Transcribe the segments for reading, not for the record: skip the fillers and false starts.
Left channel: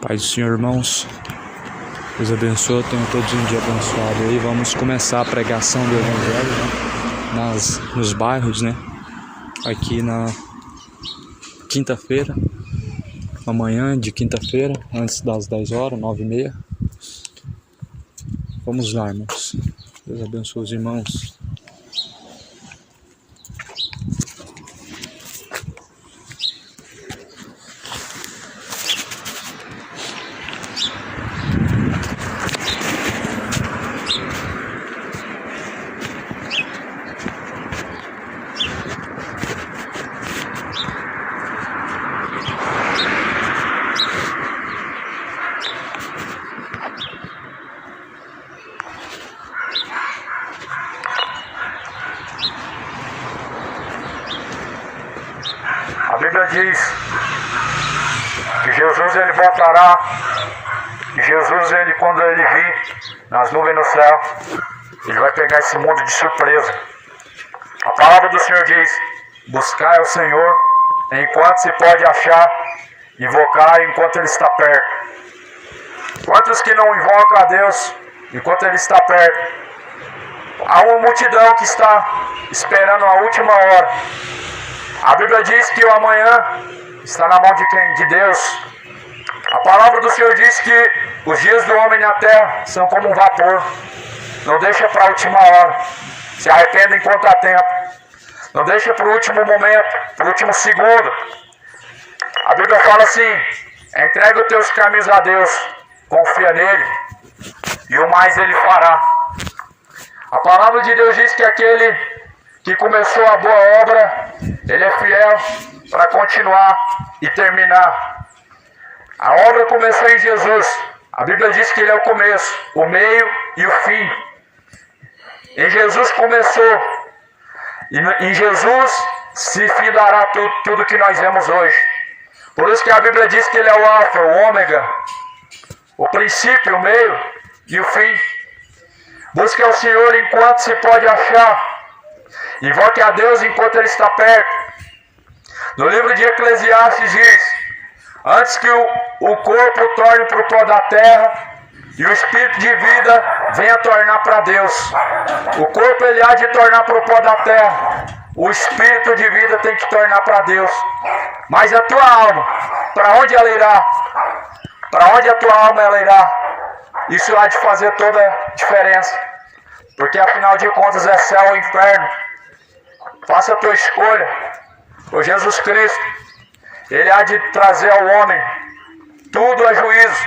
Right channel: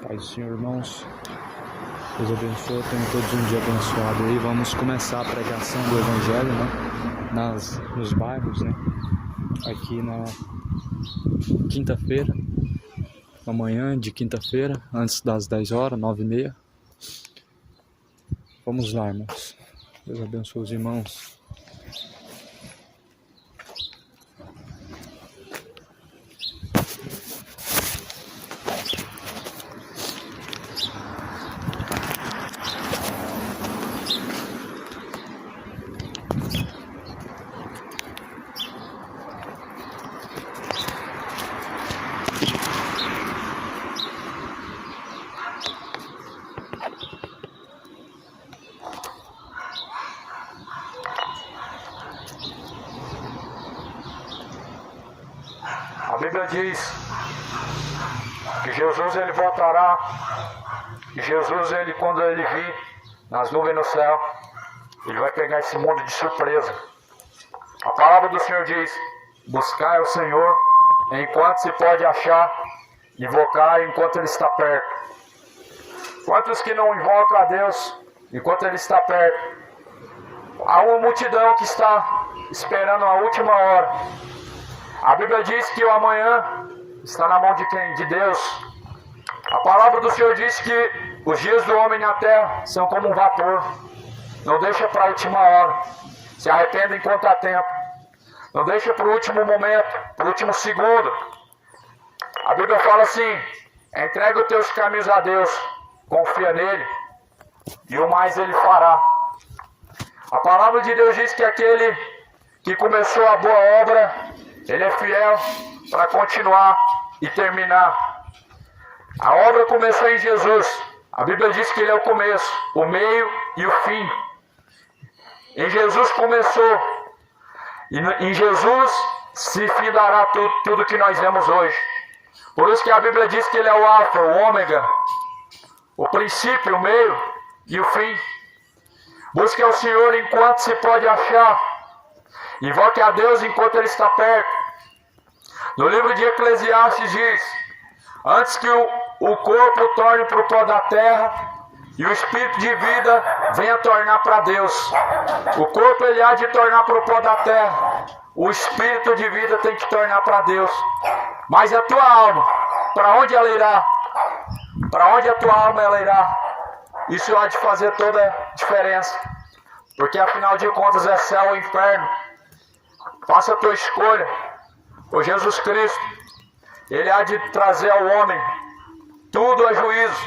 Paz do Senhor, irmãos. Deus abençoe, tenham todos um dia abençoado aí. Vamos começar a pregação do Evangelho nos bairros, né? Aqui na quinta-feira, amanhã de quinta-feira, antes das 10 horas, 9h30. Vamos lá, irmãos. Deus abençoe os irmãos. A Bíblia diz que Jesus ele voltará, e Jesus ele, quando ele vir nas nuvens no céu, ele vai pegar esse mundo de surpresa. A palavra do Senhor diz: buscai ao Senhor enquanto se pode achar, invocar enquanto ele está perto. Quantos que não invocam a Deus enquanto ele está perto? Há uma multidão que está esperando a última hora. A Bíblia diz que o amanhã está na mão de quem? De Deus. A palavra do Senhor diz que os dias do homem na terra são como um vapor. Não deixa para a última hora. Se arrependa enquanto há tempo. Não deixa para o último momento, para o último segundo. A Bíblia fala assim: entrega os teus caminhos a Deus, confia nele, e o mais ele fará. A palavra de Deus diz que aquele que começou a boa obra, ele é fiel para continuar e terminar. A obra começou em Jesus. A Bíblia diz que ele é o começo, o meio e o fim. Em Jesus começou. E em Jesus se findará tudo que nós vemos hoje. Por isso que a Bíblia diz que ele é o alfa, o ômega, o princípio, o meio e o fim. Busque ao Senhor enquanto se pode achar. Invoque a Deus enquanto ele está perto. No livro de Eclesiastes diz: antes que o corpo torne para o pó da terra e o espírito de vida venha tornar para Deus. O corpo ele há de tornar para o pó da terra. O espírito de vida tem que tornar para Deus. Mas a tua alma, para onde ela irá? Para onde a tua alma ela irá? Isso há de fazer toda a diferença. Porque afinal de contas é céu ou inferno. Faça a tua escolha por Jesus Cristo. Ele há de trazer ao homem tudo a juízo.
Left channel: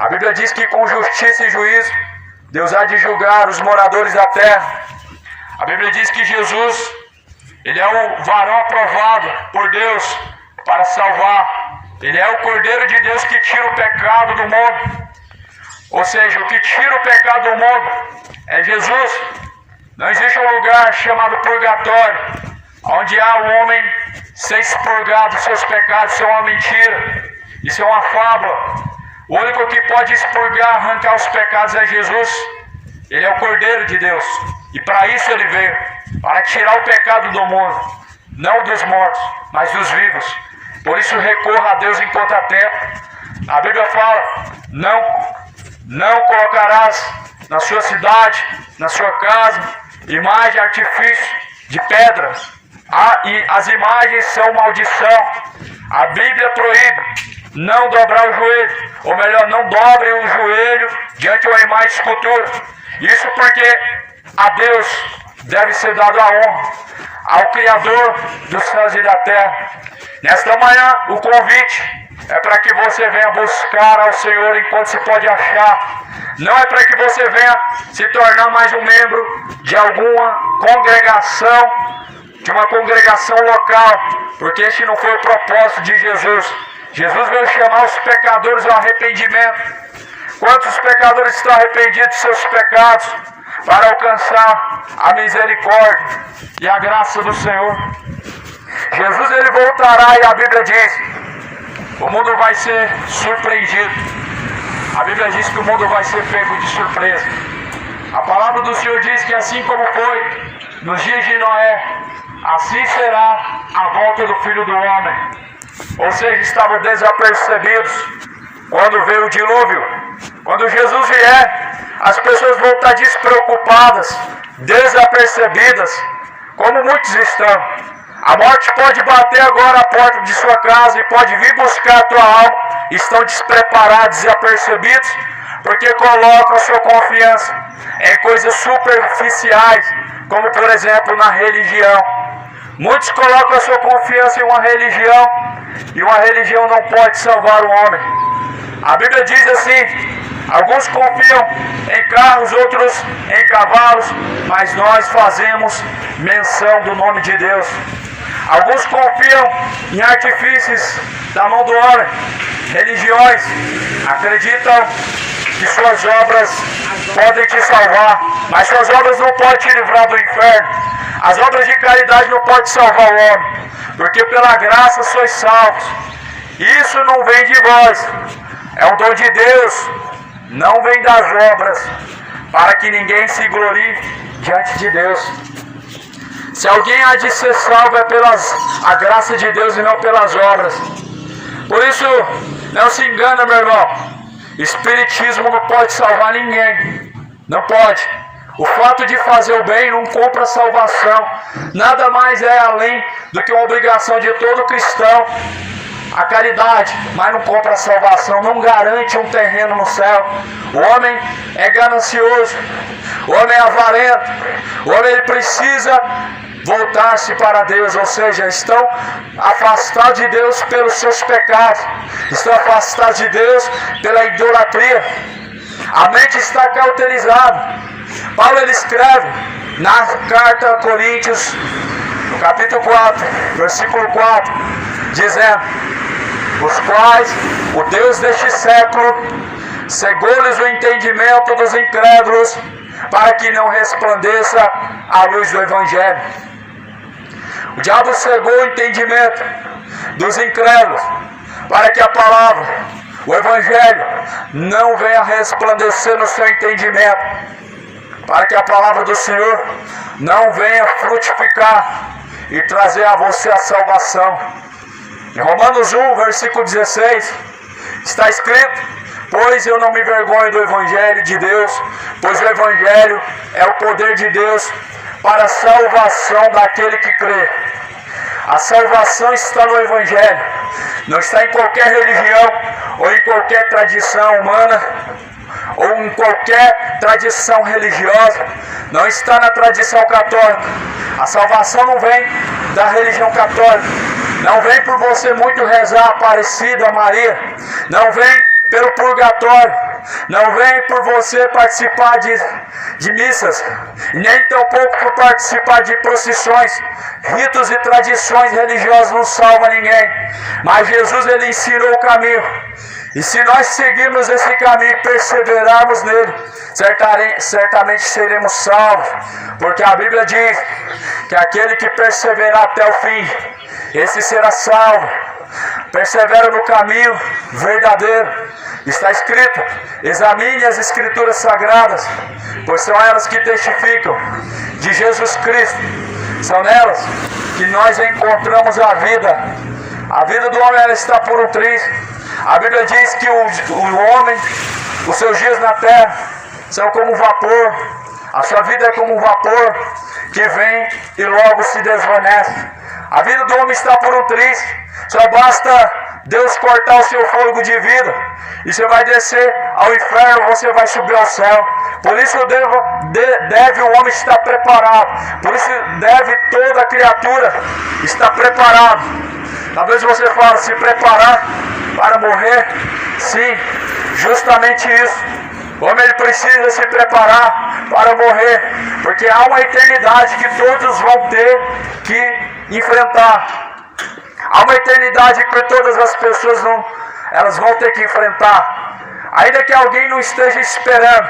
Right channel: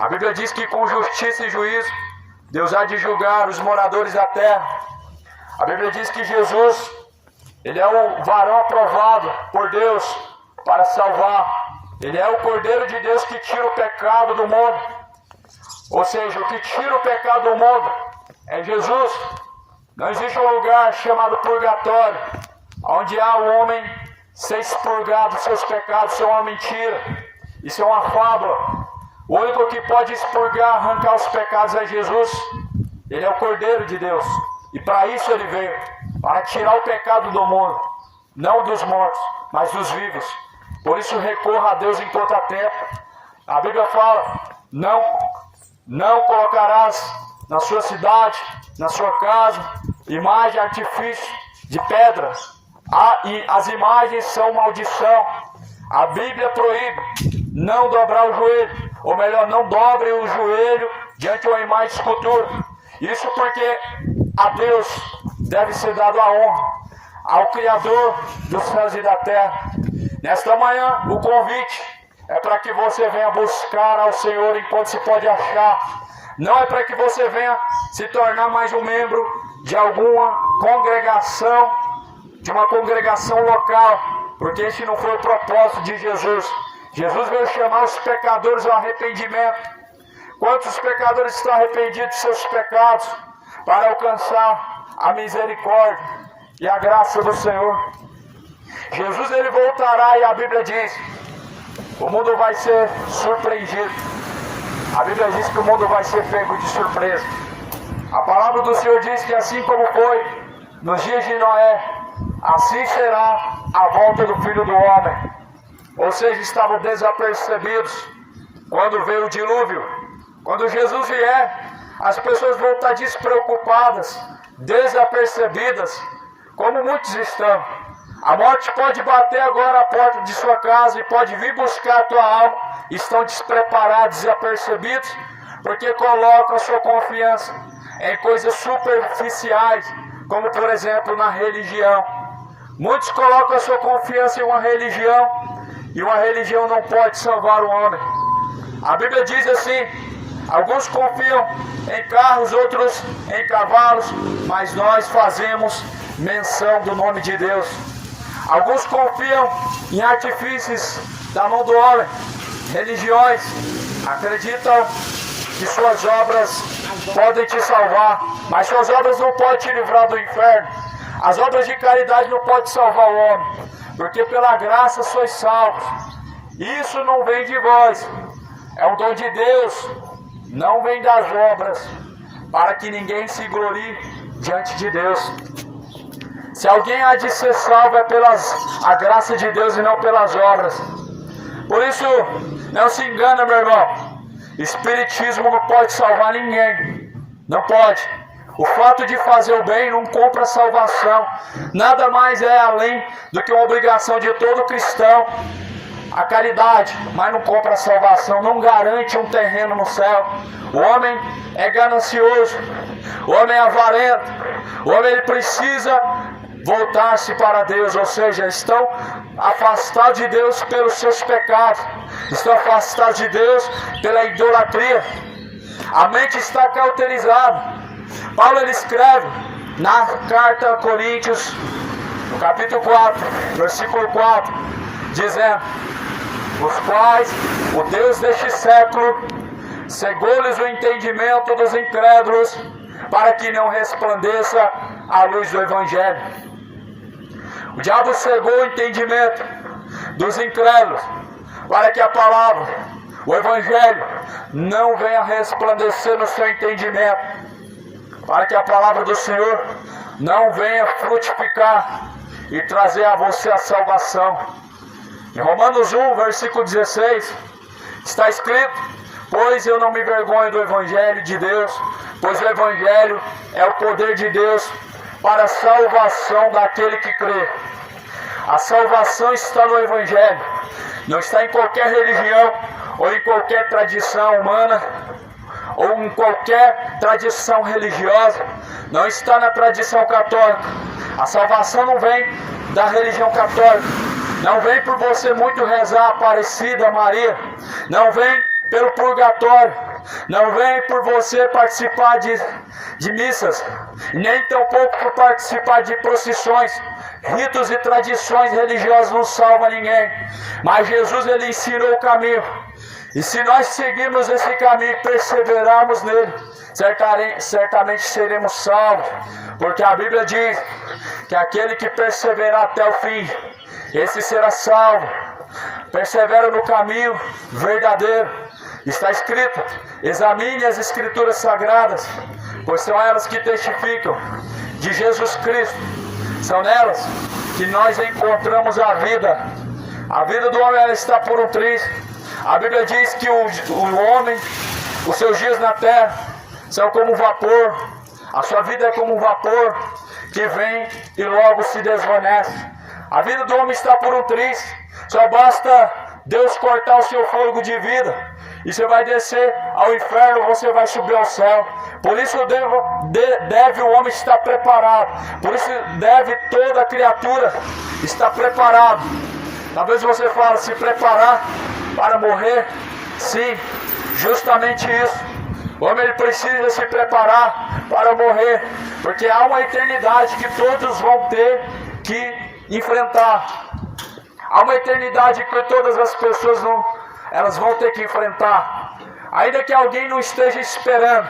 A Bíblia diz que com justiça e juízo Deus há de julgar os moradores da terra. A Bíblia diz que Jesus, ele é o varão aprovado por Deus para salvar. Ele é o Cordeiro de Deus que tira o pecado do mundo. Ou seja, o que tira o pecado do mundo é Jesus. Não existe um lugar chamado purgatório, onde há o homem ser expurgado dos seus pecados. Isso é uma mentira, isso é uma fábula. O único que pode expurgar, arrancar os pecados é Jesus. Ele é o Cordeiro de Deus. E para isso ele veio, para tirar o pecado do mundo, não dos mortos, mas dos vivos. Por isso recorra a Deus enquanto há tempo. A Bíblia fala: não colocarás na sua cidade, na sua casa, imagem de artifício de pedra. E as imagens são maldição. A Bíblia proíbe não dobrar o joelho, ou melhor, não dobre o joelho diante de uma imagem de escultura. Isso porque a Deus deve ser dado a honra, ao Criador dos céus e da terra. Nesta manhã, o convite é para que você venha buscar ao Senhor enquanto se pode achar. Não é para que você venha se tornar mais um membro de alguma congregação, de uma congregação local, porque esse não foi o propósito de Jesus. Jesus veio chamar os pecadores ao arrependimento. Quantos pecadores estão arrependidos dos seus pecados para alcançar a misericórdia e a graça do Senhor? Jesus ele voltará, e a Bíblia diz: o mundo vai ser surpreendido. A Bíblia diz que o mundo vai ser pego de surpresa. A palavra do Senhor diz que assim como foi nos dias de Noé, assim será a volta do Filho do Homem. Ou seja, estavam desapercebidos. quando vem o dilúvio. Quando Jesus vier, as pessoas vão estar despreocupadas, desapercebidas, como muitos estão. A morte pode bater agora a porta de sua casa e pode vir buscar a tua alma. Estão despreparados e apercebidos, porque colocam sua confiança em coisas superficiais, como por exemplo na religião. Muitos colocam a sua confiança em uma religião, e uma religião não pode salvar o homem. A Bíblia diz assim: alguns confiam em carros, outros em cavalos, mas nós fazemos menção do nome de Deus. Alguns confiam em artifícios da mão do homem. Religiões acreditam que suas obras podem te salvar, mas suas obras não podem te livrar do inferno. As obras de caridade não podem salvar o homem, porque pela graça sois salvos. Isso não vem de vós, é um dom de Deus, não vem das obras, para que ninguém se glorie diante de Deus. Se alguém há de ser salvo é a graça de Deus e não pelas obras. Por isso, não se engana, meu irmão. Espiritismo não pode salvar ninguém. Não pode. O fato de fazer o bem não compra a salvação. Nada mais é além do que uma obrigação de todo cristão. A caridade, mas não compra a salvação. Não garante um terreno no céu. O homem é ganancioso. O homem é avarento. O homem ele precisa voltar-se para Deus, ou seja, estão afastados de Deus pelos seus pecados, estão afastados de Deus pela idolatria. A mente está cauterizada. Paulo ele escreve na carta a Coríntios, no capítulo 4, versículo 4, dizendo: os quais o Deus deste século cegou-lhes o entendimento dos incrédulos, para que não resplandeça a luz do Evangelho. O diabo cegou o entendimento dos incrédulos, para que a palavra, o Evangelho, não venha resplandecer no seu entendimento, para que a palavra do Senhor não venha frutificar e trazer a você a salvação. Em Romanos 1, versículo 16, está escrito: pois eu não me envergonho do Evangelho de Deus, pois o Evangelho é o poder de Deus para a salvação daquele que crê. A salvação está no Evangelho, não está em qualquer religião, ou em qualquer tradição humana, ou em qualquer tradição religiosa, não está na tradição católica. A salvação não vem da religião católica, não vem por você muito rezar a Aparecida, Maria, não vem pelo purgatório, não vem por você participar de missas, nem tampouco por participar de procissões. Ritos e tradições religiosas não salvam ninguém, mas Jesus ele ensinou o caminho, e se nós seguirmos esse caminho e perseverarmos nele, certamente seremos salvos, porque a Bíblia diz que aquele que perseverar até o fim, esse será salvo. Persevera no caminho verdadeiro. Está escrito: examine as Escrituras Sagradas, pois são elas que testificam de Jesus Cristo. São nelas que nós encontramos a vida. A vida do homem ela está por um triz. A Bíblia diz que o homem, os seus dias na terra, são como um vapor. A sua vida é como um vapor que vem e logo se desvanece. A vida do homem está por um triz. Só basta Deus cortar o seu fôlego de vida e você vai descer ao inferno, você vai subir ao céu. Por isso deve o homem estar preparado. Por isso deve toda criatura estar preparada. Talvez você fale: se preparar para morrer. Sim, justamente isso. O homem ele precisa se preparar para morrer, porque há uma eternidade que todos vão ter que enfrentar. Há uma eternidade que todas as pessoas vão ter que enfrentar. Ainda que alguém não esteja esperando,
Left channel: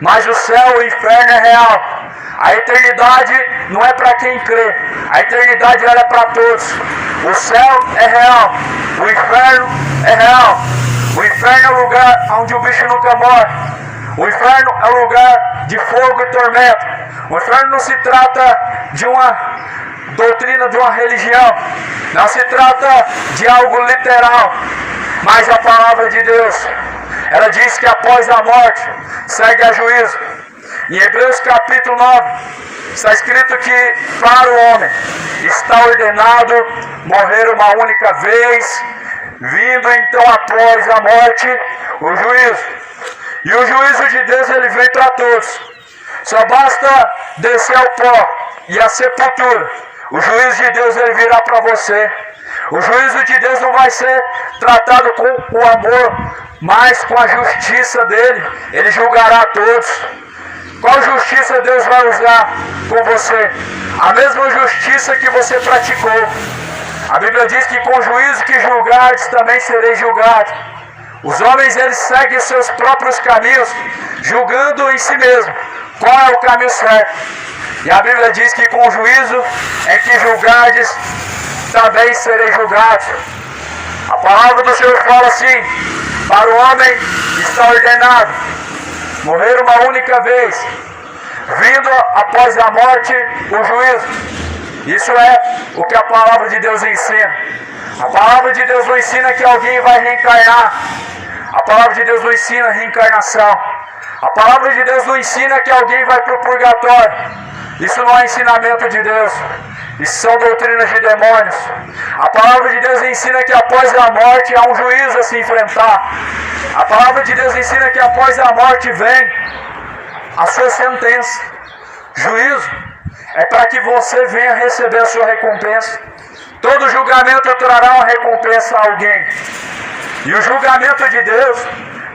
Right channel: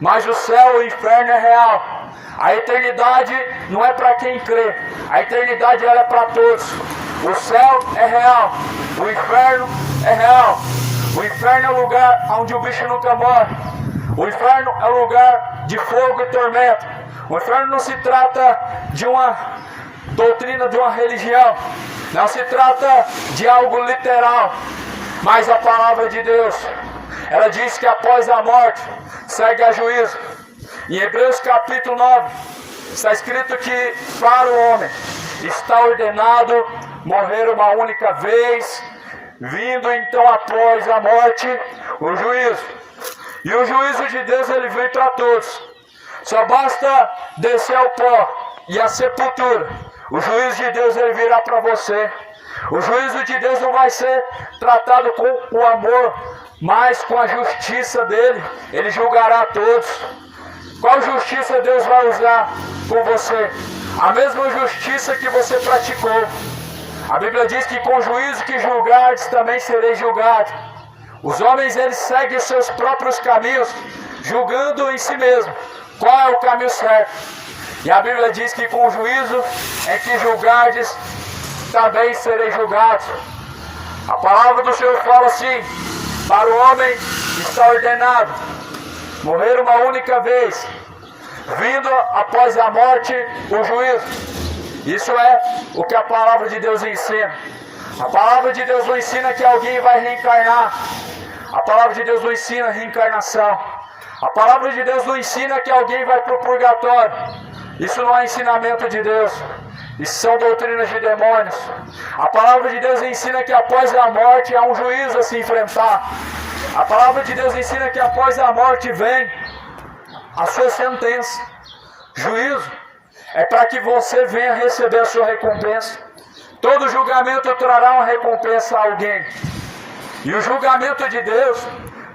mas o céu e o inferno é real. A eternidade não é para quem crê, a eternidade ela é para todos. O céu é real, o inferno é real. O inferno é o lugar onde o bicho nunca morre. O inferno é o lugar de fogo e tormento. O inferno não se trata de uma doutrina, de uma religião, não se trata de algo literal, mas a palavra de Deus diz que após a morte segue a juízo. Em Hebreus capítulo 9 está escrito que para o homem está ordenado morrer uma única vez, vindo então após a morte o juízo. E o juízo de Deus ele vem para todos. Só basta descer ao pó e a sepultura. O juízo de Deus ele virá para você. O juízo de Deus não vai ser tratado com o amor, mas com a justiça dele. Ele julgará a todos. Qual justiça Deus vai usar com você? A mesma justiça que você praticou. A Bíblia diz que com o juízo que julgares também sereis julgados. Os homens eles seguem seus próprios caminhos, julgando em si mesmo qual é o caminho certo. E a Bíblia diz que com o juízo é que julgardes, também sereis julgados. A palavra do Senhor fala assim: para o homem está ordenado morrer uma única vez, vindo após a morte o juízo. Isso é o que a palavra de Deus ensina. A palavra de Deus não ensina que alguém vai reencarnar. A palavra de Deus não ensina reencarnação. A palavra de Deus não ensina que alguém vai para o purgatório. Isso não é ensinamento de Deus. Isso são doutrinas de demônios. A palavra de Deus ensina que após a morte há um juízo a se enfrentar. A palavra de Deus ensina que após a morte vem a sua sentença. Juízo é para que você venha receber a sua recompensa. Todo julgamento trará uma recompensa a alguém. E o julgamento de Deus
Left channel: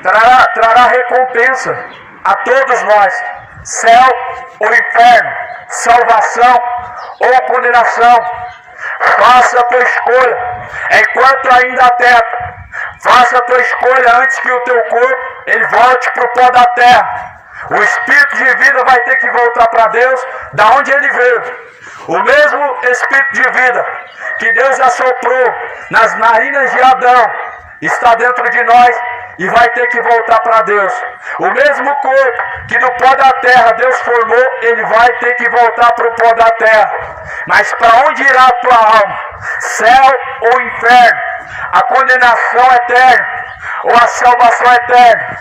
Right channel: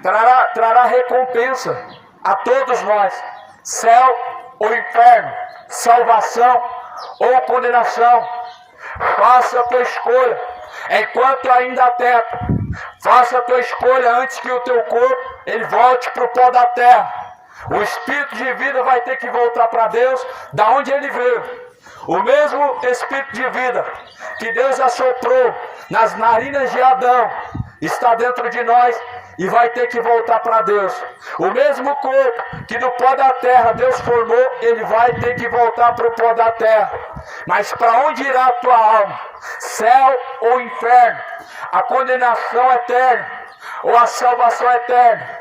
trará recompensa a todos nós. Céu ou inferno, salvação ou condenação. Faça a tua escolha enquanto ainda há tempo. Faça a tua escolha antes que o teu corpo ele volte para o pó da terra. O espírito de vida vai ter que voltar para Deus, da onde ele veio. O mesmo espírito de vida que Deus assoprou nas narinas de Adão está dentro de nós e vai ter que voltar para Deus. O mesmo corpo que do pó da terra Deus formou, ele vai ter que voltar para o pó da terra. Mas para onde irá a tua alma? Céu ou inferno? A condenação eterna ou a salvação eterna?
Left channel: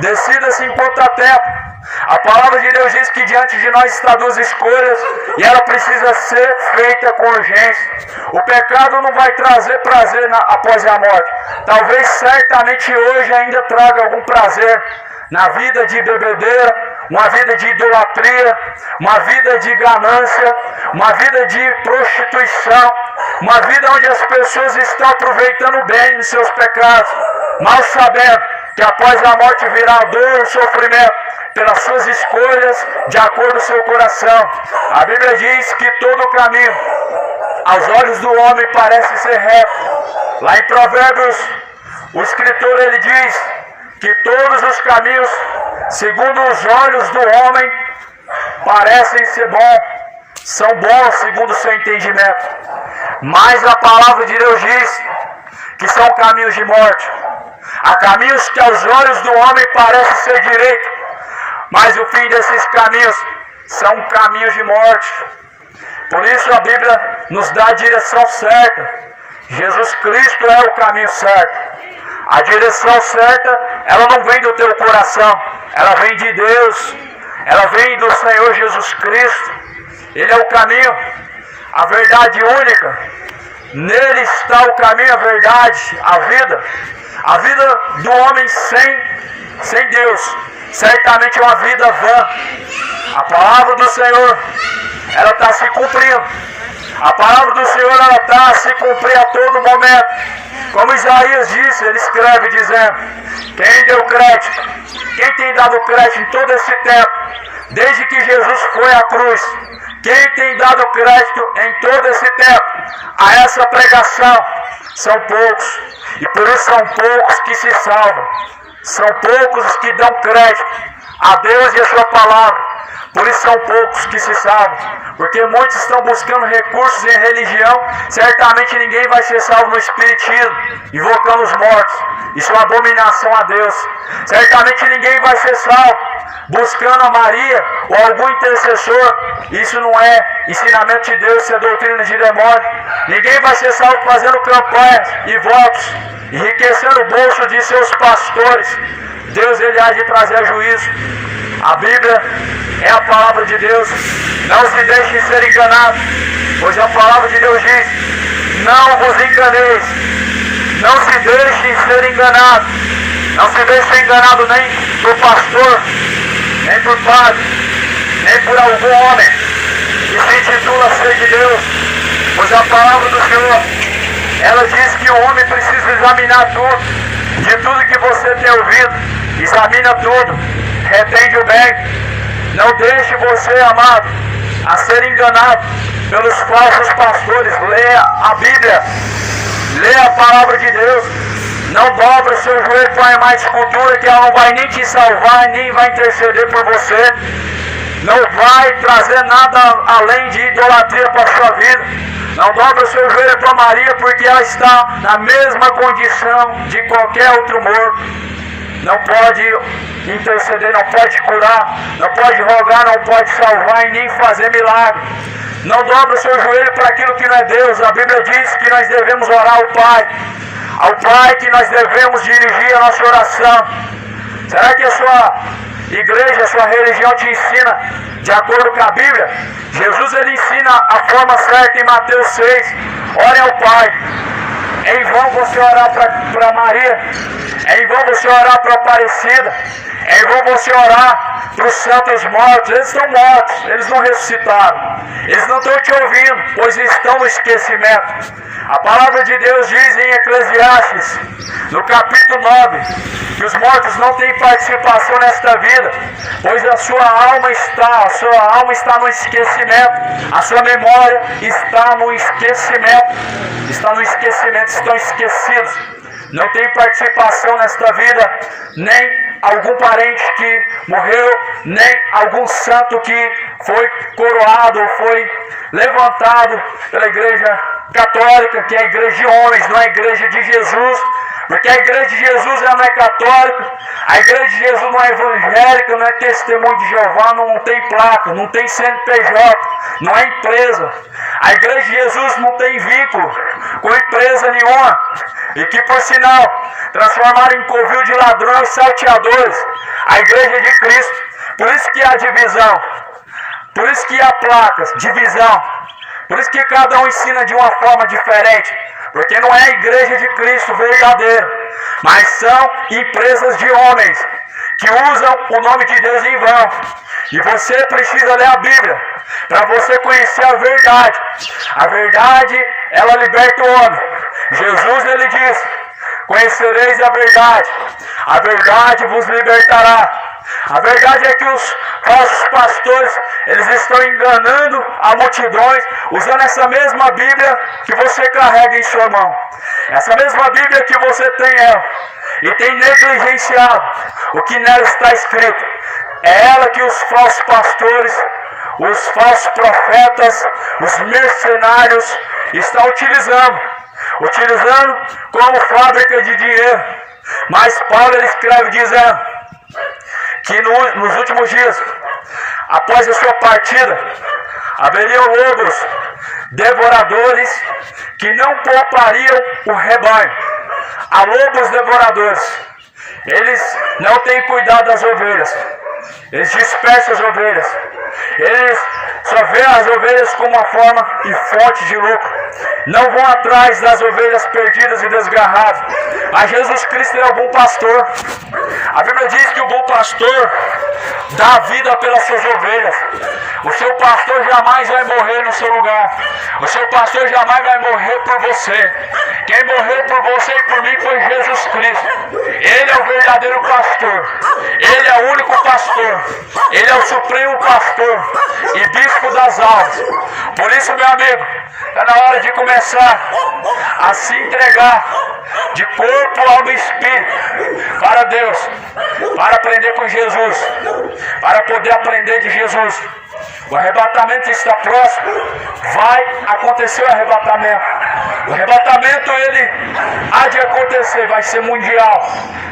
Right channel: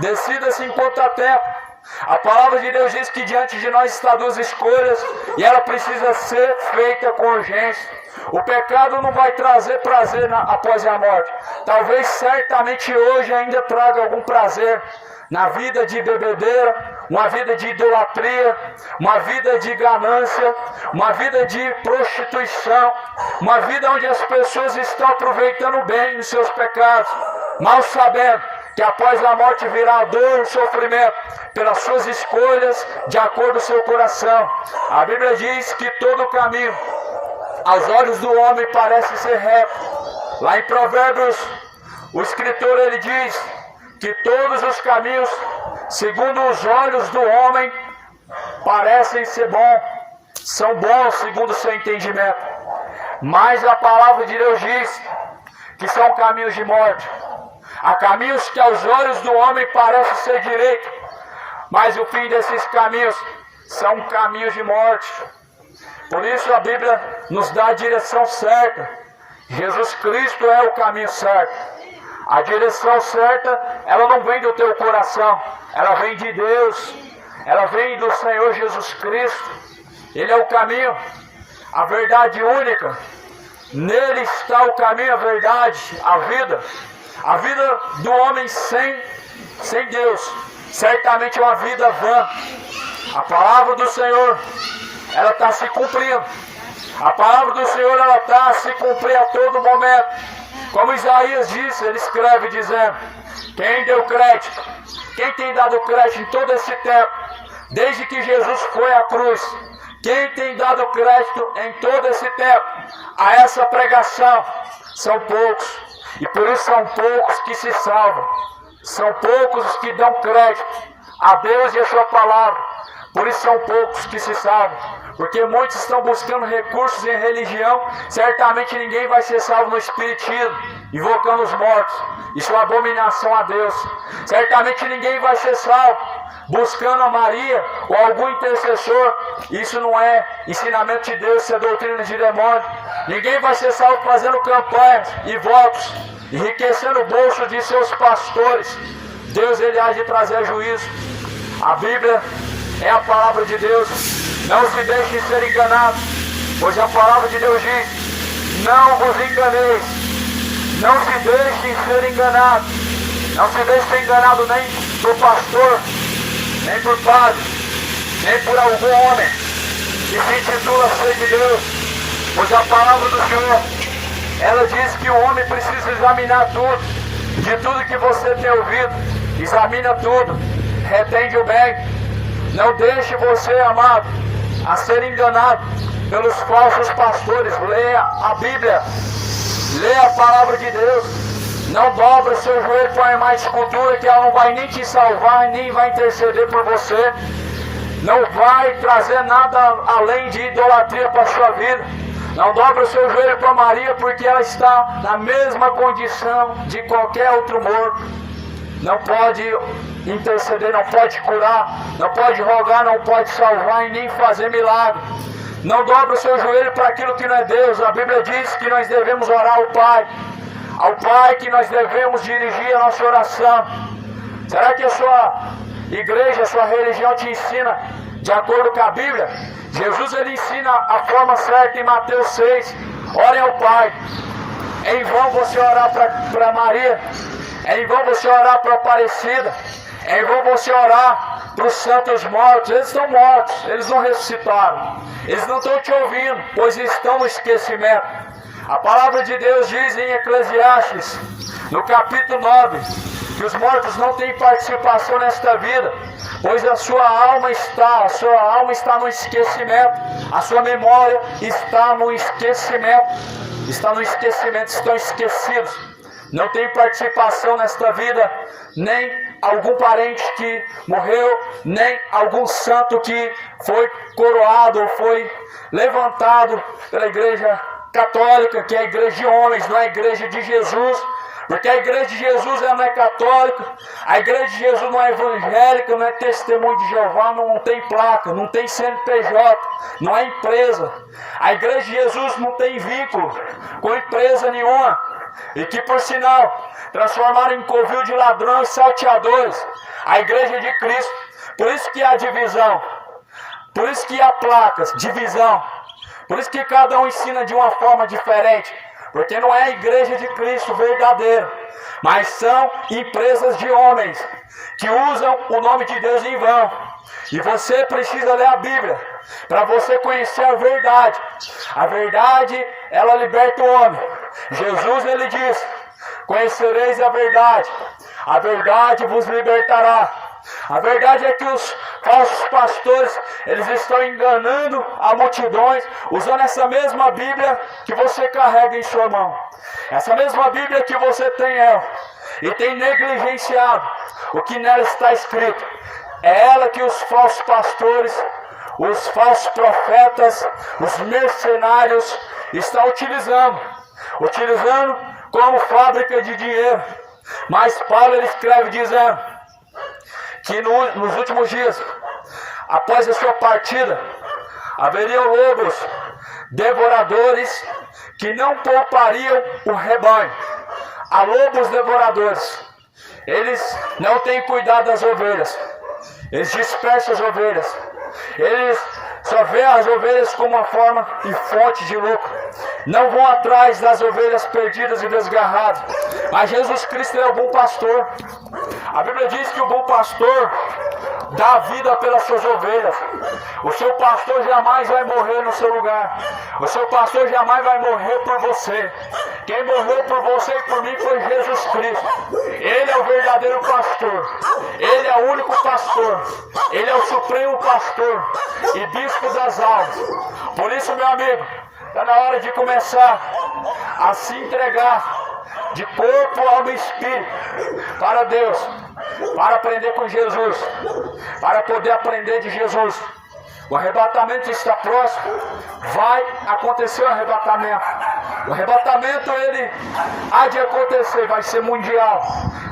Decida-se enquanto há tempo. A palavra de Deus diz que diante de nós está duas escolhas e ela precisa ser feita com urgência. O pecado não vai trazer prazer após a morte. Talvez certamente hoje ainda traga algum prazer na vida de bebedeira, uma vida de idolatria, uma vida de ganância, uma vida de prostituição, uma vida onde as pessoas estão aproveitando bem dos seus pecados, mal sabendo que após a morte virá a dor e o sofrimento pelas suas escolhas de acordo com o seu coração. A Bíblia diz que todo caminho aos olhos do homem parece ser reto. Lá em Provérbios, o escritor ele diz que todos os caminhos, segundo os olhos do homem, parecem ser bons, são bons segundo o seu entendimento. Mas a palavra de Deus diz que são caminhos de morte. Há caminhos que aos olhos do homem parecem ser direito, mas o fim desses caminhos são caminhos de morte. Por isso a Bíblia nos dá a direção certa. Jesus Cristo é o caminho certo. A direção certa, ela não vem do teu coração, ela vem de Deus, ela vem do Senhor Jesus Cristo. Ele é o caminho, a verdade única. Nele está o caminho, a verdade, a vida. A vida do homem sem Deus certamente é uma vida vã. A palavra do Senhor, ela está se cumprindo. A palavra do Senhor, ela está a se cumprir a todo momento. Como Isaías disse, ele escreve dizendo: quem deu crédito? Quem tem dado crédito em todo esse tempo, desde que Jesus foi à cruz? Quem tem dado crédito em todo esse tempo a essa pregação? São poucos. E por isso são poucos que se salvam. São poucos os que dão crédito a Deus e a sua palavra. Por isso são poucos que se salvam. Porque muitos estão buscando recursos em religião. Certamente ninguém vai ser salvo no espiritismo, invocando os mortos. Isso é uma abominação a Deus. Certamente ninguém vai ser salvo buscando a Maria ou algum intercessor. Isso não é ensinamento de Deus, isso é doutrina de demônio. Ninguém vai ser salvo fazendo campanhas e votos, enriquecendo o bolso de seus pastores, Deus ele há de trazer juízo. A Bíblia é a palavra de Deus. Não se deixem ser enganados, pois a palavra de Deus diz: não vos enganeis. Não se deixem ser enganados. Não se deixem ser enganados nem por pastor, nem por padre, nem por algum homem que se intitula ser de Deus. Pois a palavra do Senhor, ela diz que o homem precisa examinar tudo. De tudo que você tem ouvido, examina tudo, retende o bem. Não deixe você, amado, a ser enganado pelos falsos pastores. Leia a Bíblia, leia a palavra de Deus. Não dobre o seu joelho para a imagem de escultura, que ela não vai nem te salvar, nem vai interceder por você. Não vai trazer nada além de idolatria para a sua vida. Não dobre o seu joelho para Maria, porque ela está na mesma condição de qualquer outro morto. Não pode interceder, não pode curar, não pode rogar, não pode salvar e nem fazer milagre. Não dobre o seu joelho para aquilo que não é Deus. A Bíblia diz que nós devemos orar ao Pai. Ao Pai que nós devemos dirigir a nossa oração. Será que a sua igreja, a sua religião te ensina de acordo com a Bíblia? Jesus ele ensina a forma certa em Mateus 6. Ore ao Pai. É em vão você orar para Maria. É em vão você orar para Aparecida. É em vão você orar para os santos mortos. Eles estão mortos, eles não ressuscitaram. Eles não estão te ouvindo, pois estão no esquecimento. A palavra de Deus diz em Eclesiastes, no capítulo 9, que os mortos não têm participação nesta vida, pois a sua alma está no esquecimento, a sua memória está no esquecimento, estão esquecidos, não tem participação nesta vida, nem algum parente que morreu, nem algum santo que foi coroado, foi levantado pela igreja católica, que é a igreja de homens, não é a igreja de Jesus. Porque a igreja de Jesus ela não é católica, a igreja de Jesus não é evangélica, não é testemunho de Jeová, não tem placa, não tem CNPJ, não é empresa. A igreja de Jesus não tem vínculo com empresa nenhuma. E que, por sinal, transformaram em covil de ladrões e salteadores a igreja de Cristo. Por isso que há divisão, por isso que há placas, divisão, por isso que cada um ensina de uma forma diferente. Porque não é a igreja de Cristo verdadeira, mas são empresas de homens que usam o nome de Deus em vão. E você precisa ler a Bíblia para você conhecer a verdade. A verdade, ela liberta o homem. Jesus, ele diz: conhecereis a verdade vos libertará. A verdade é que os falsos pastores, eles estão enganando a multidões, usando essa mesma Bíblia que você carrega em sua mão. Essa mesma Bíblia que você tem ela, e tem negligenciado o que nela está escrito. É ela que os falsos pastores, os falsos profetas, os mercenários estão utilizando como fábrica de dinheiro. Mas Paulo ele escreve dizendo que nos últimos dias, após a sua partida, haveriam lobos devoradores que não poupariam o rebanho. Há lobos devoradores. Eles não têm cuidado das ovelhas. Eles dispersam as ovelhas. Eles só veem as ovelhas como uma forma e fonte de lucro. Não vão atrás das ovelhas perdidas e desgarradas. Mas Jesus Cristo é o bom pastor. A Bíblia diz que o bom pastor dá vida pelas suas ovelhas. O seu pastor jamais vai morrer no seu lugar. O seu pastor jamais vai morrer por você. Quem morreu por você e por mim foi Jesus Cristo. Ele é o verdadeiro pastor. Ele é o único pastor. Ele é o supremo pastor e bispo das almas. Por isso, meu amigo, está na hora de começar a se entregar de corpo, alma e espírito para Deus, para aprender com Jesus, para poder aprender de Jesus. O arrebatamento está próximo. Vai acontecer o arrebatamento. O arrebatamento ele há de acontecer, vai ser mundial.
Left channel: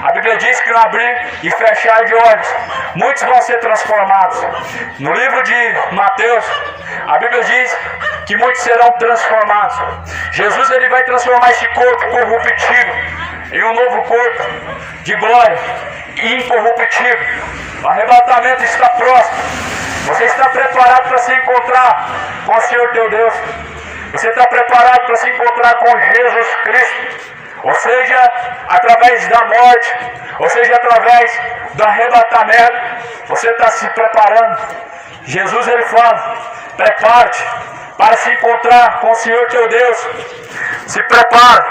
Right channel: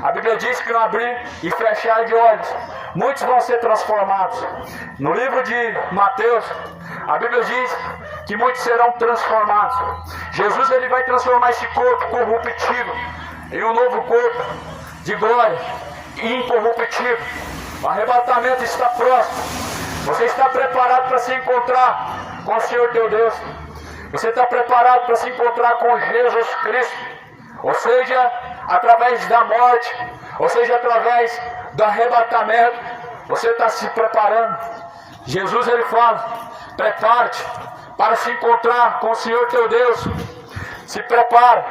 A Bíblia diz que no abrir e fechar de olhos, muitos vão ser transformados. No livro de Mateus, a Bíblia diz que muitos serão transformados. Jesus ele vai transformar esse corpo corruptível em um novo corpo de glória. e incorruptível. O arrebatamento está próximo. Você está preparado para se encontrar com o Senhor teu Deus? Você está preparado para se encontrar com Jesus Cristo? Ou seja, através da morte, ou seja, através do arrebatamento, você está se preparando. Jesus ele fala, prepare-te para se encontrar com o Senhor teu Deus. Se prepare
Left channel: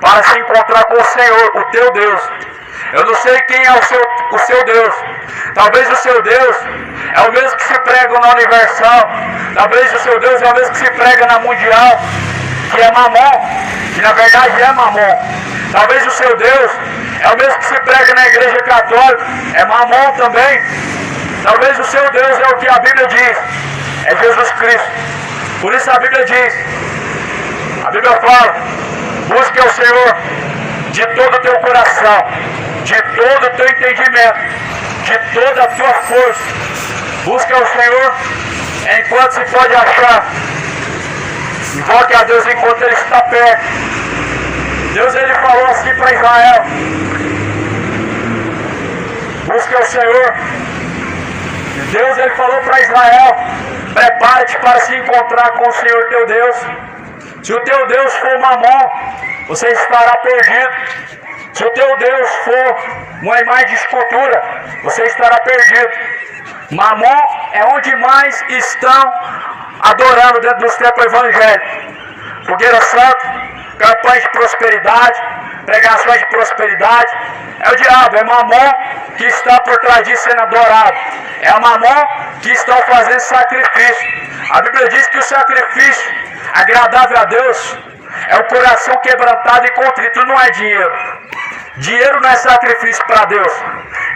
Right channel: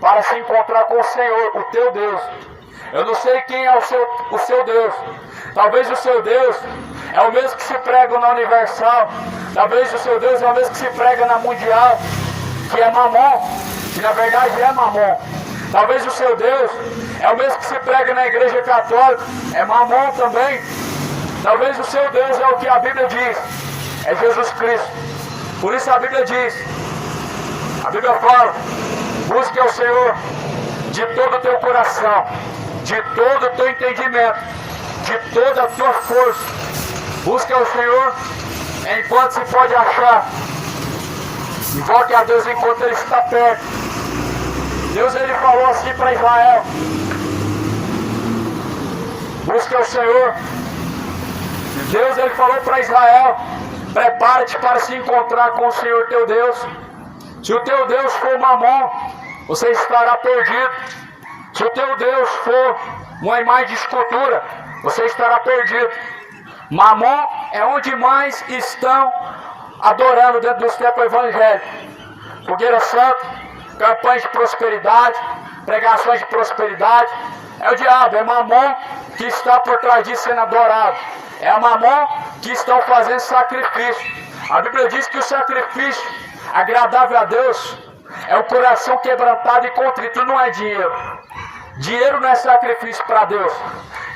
para se encontrar com o Senhor, o teu Deus. Eu não sei quem é o seu Deus. Talvez o seu Deus é o mesmo que se prega na Universal. Talvez o seu Deus é o mesmo que se prega na Mundial, que é Mamon, que na verdade é Mamon. Talvez o seu Deus é o mesmo que se prega na Igreja Católica, é Mamon também. Talvez o seu Deus é o que a Bíblia diz, é Jesus Cristo. Por isso a Bíblia diz, a Bíblia fala, busque ao Senhor de todo o teu coração, de todo o teu entendimento, de toda a tua força. Busque ao Senhor enquanto se pode achar. Invoque a Deus enquanto Ele está perto. Deus ele falou assim para Israel: busque ao Senhor. Deus ele falou para Israel: prepare-te para se encontrar com o Senhor teu Deus. Se o teu Deus for Mamon, você estará perdido. Se o teu Deus for uma imagem de escultura, você estará perdido. Mamon é onde mais estão adorando dentro dos templos evangélicos. Fogueira santa, campanhas de prosperidade, pregações de prosperidade. É o diabo, é Mamon que está por trás disso sendo adorado. É a Mamon que estão fazendo sacrifício. A Bíblia diz que o sacrifício agradável a Deus é o coração quebrantado e contrito, não é dinheiro. Dinheiro não é sacrifício para Deus.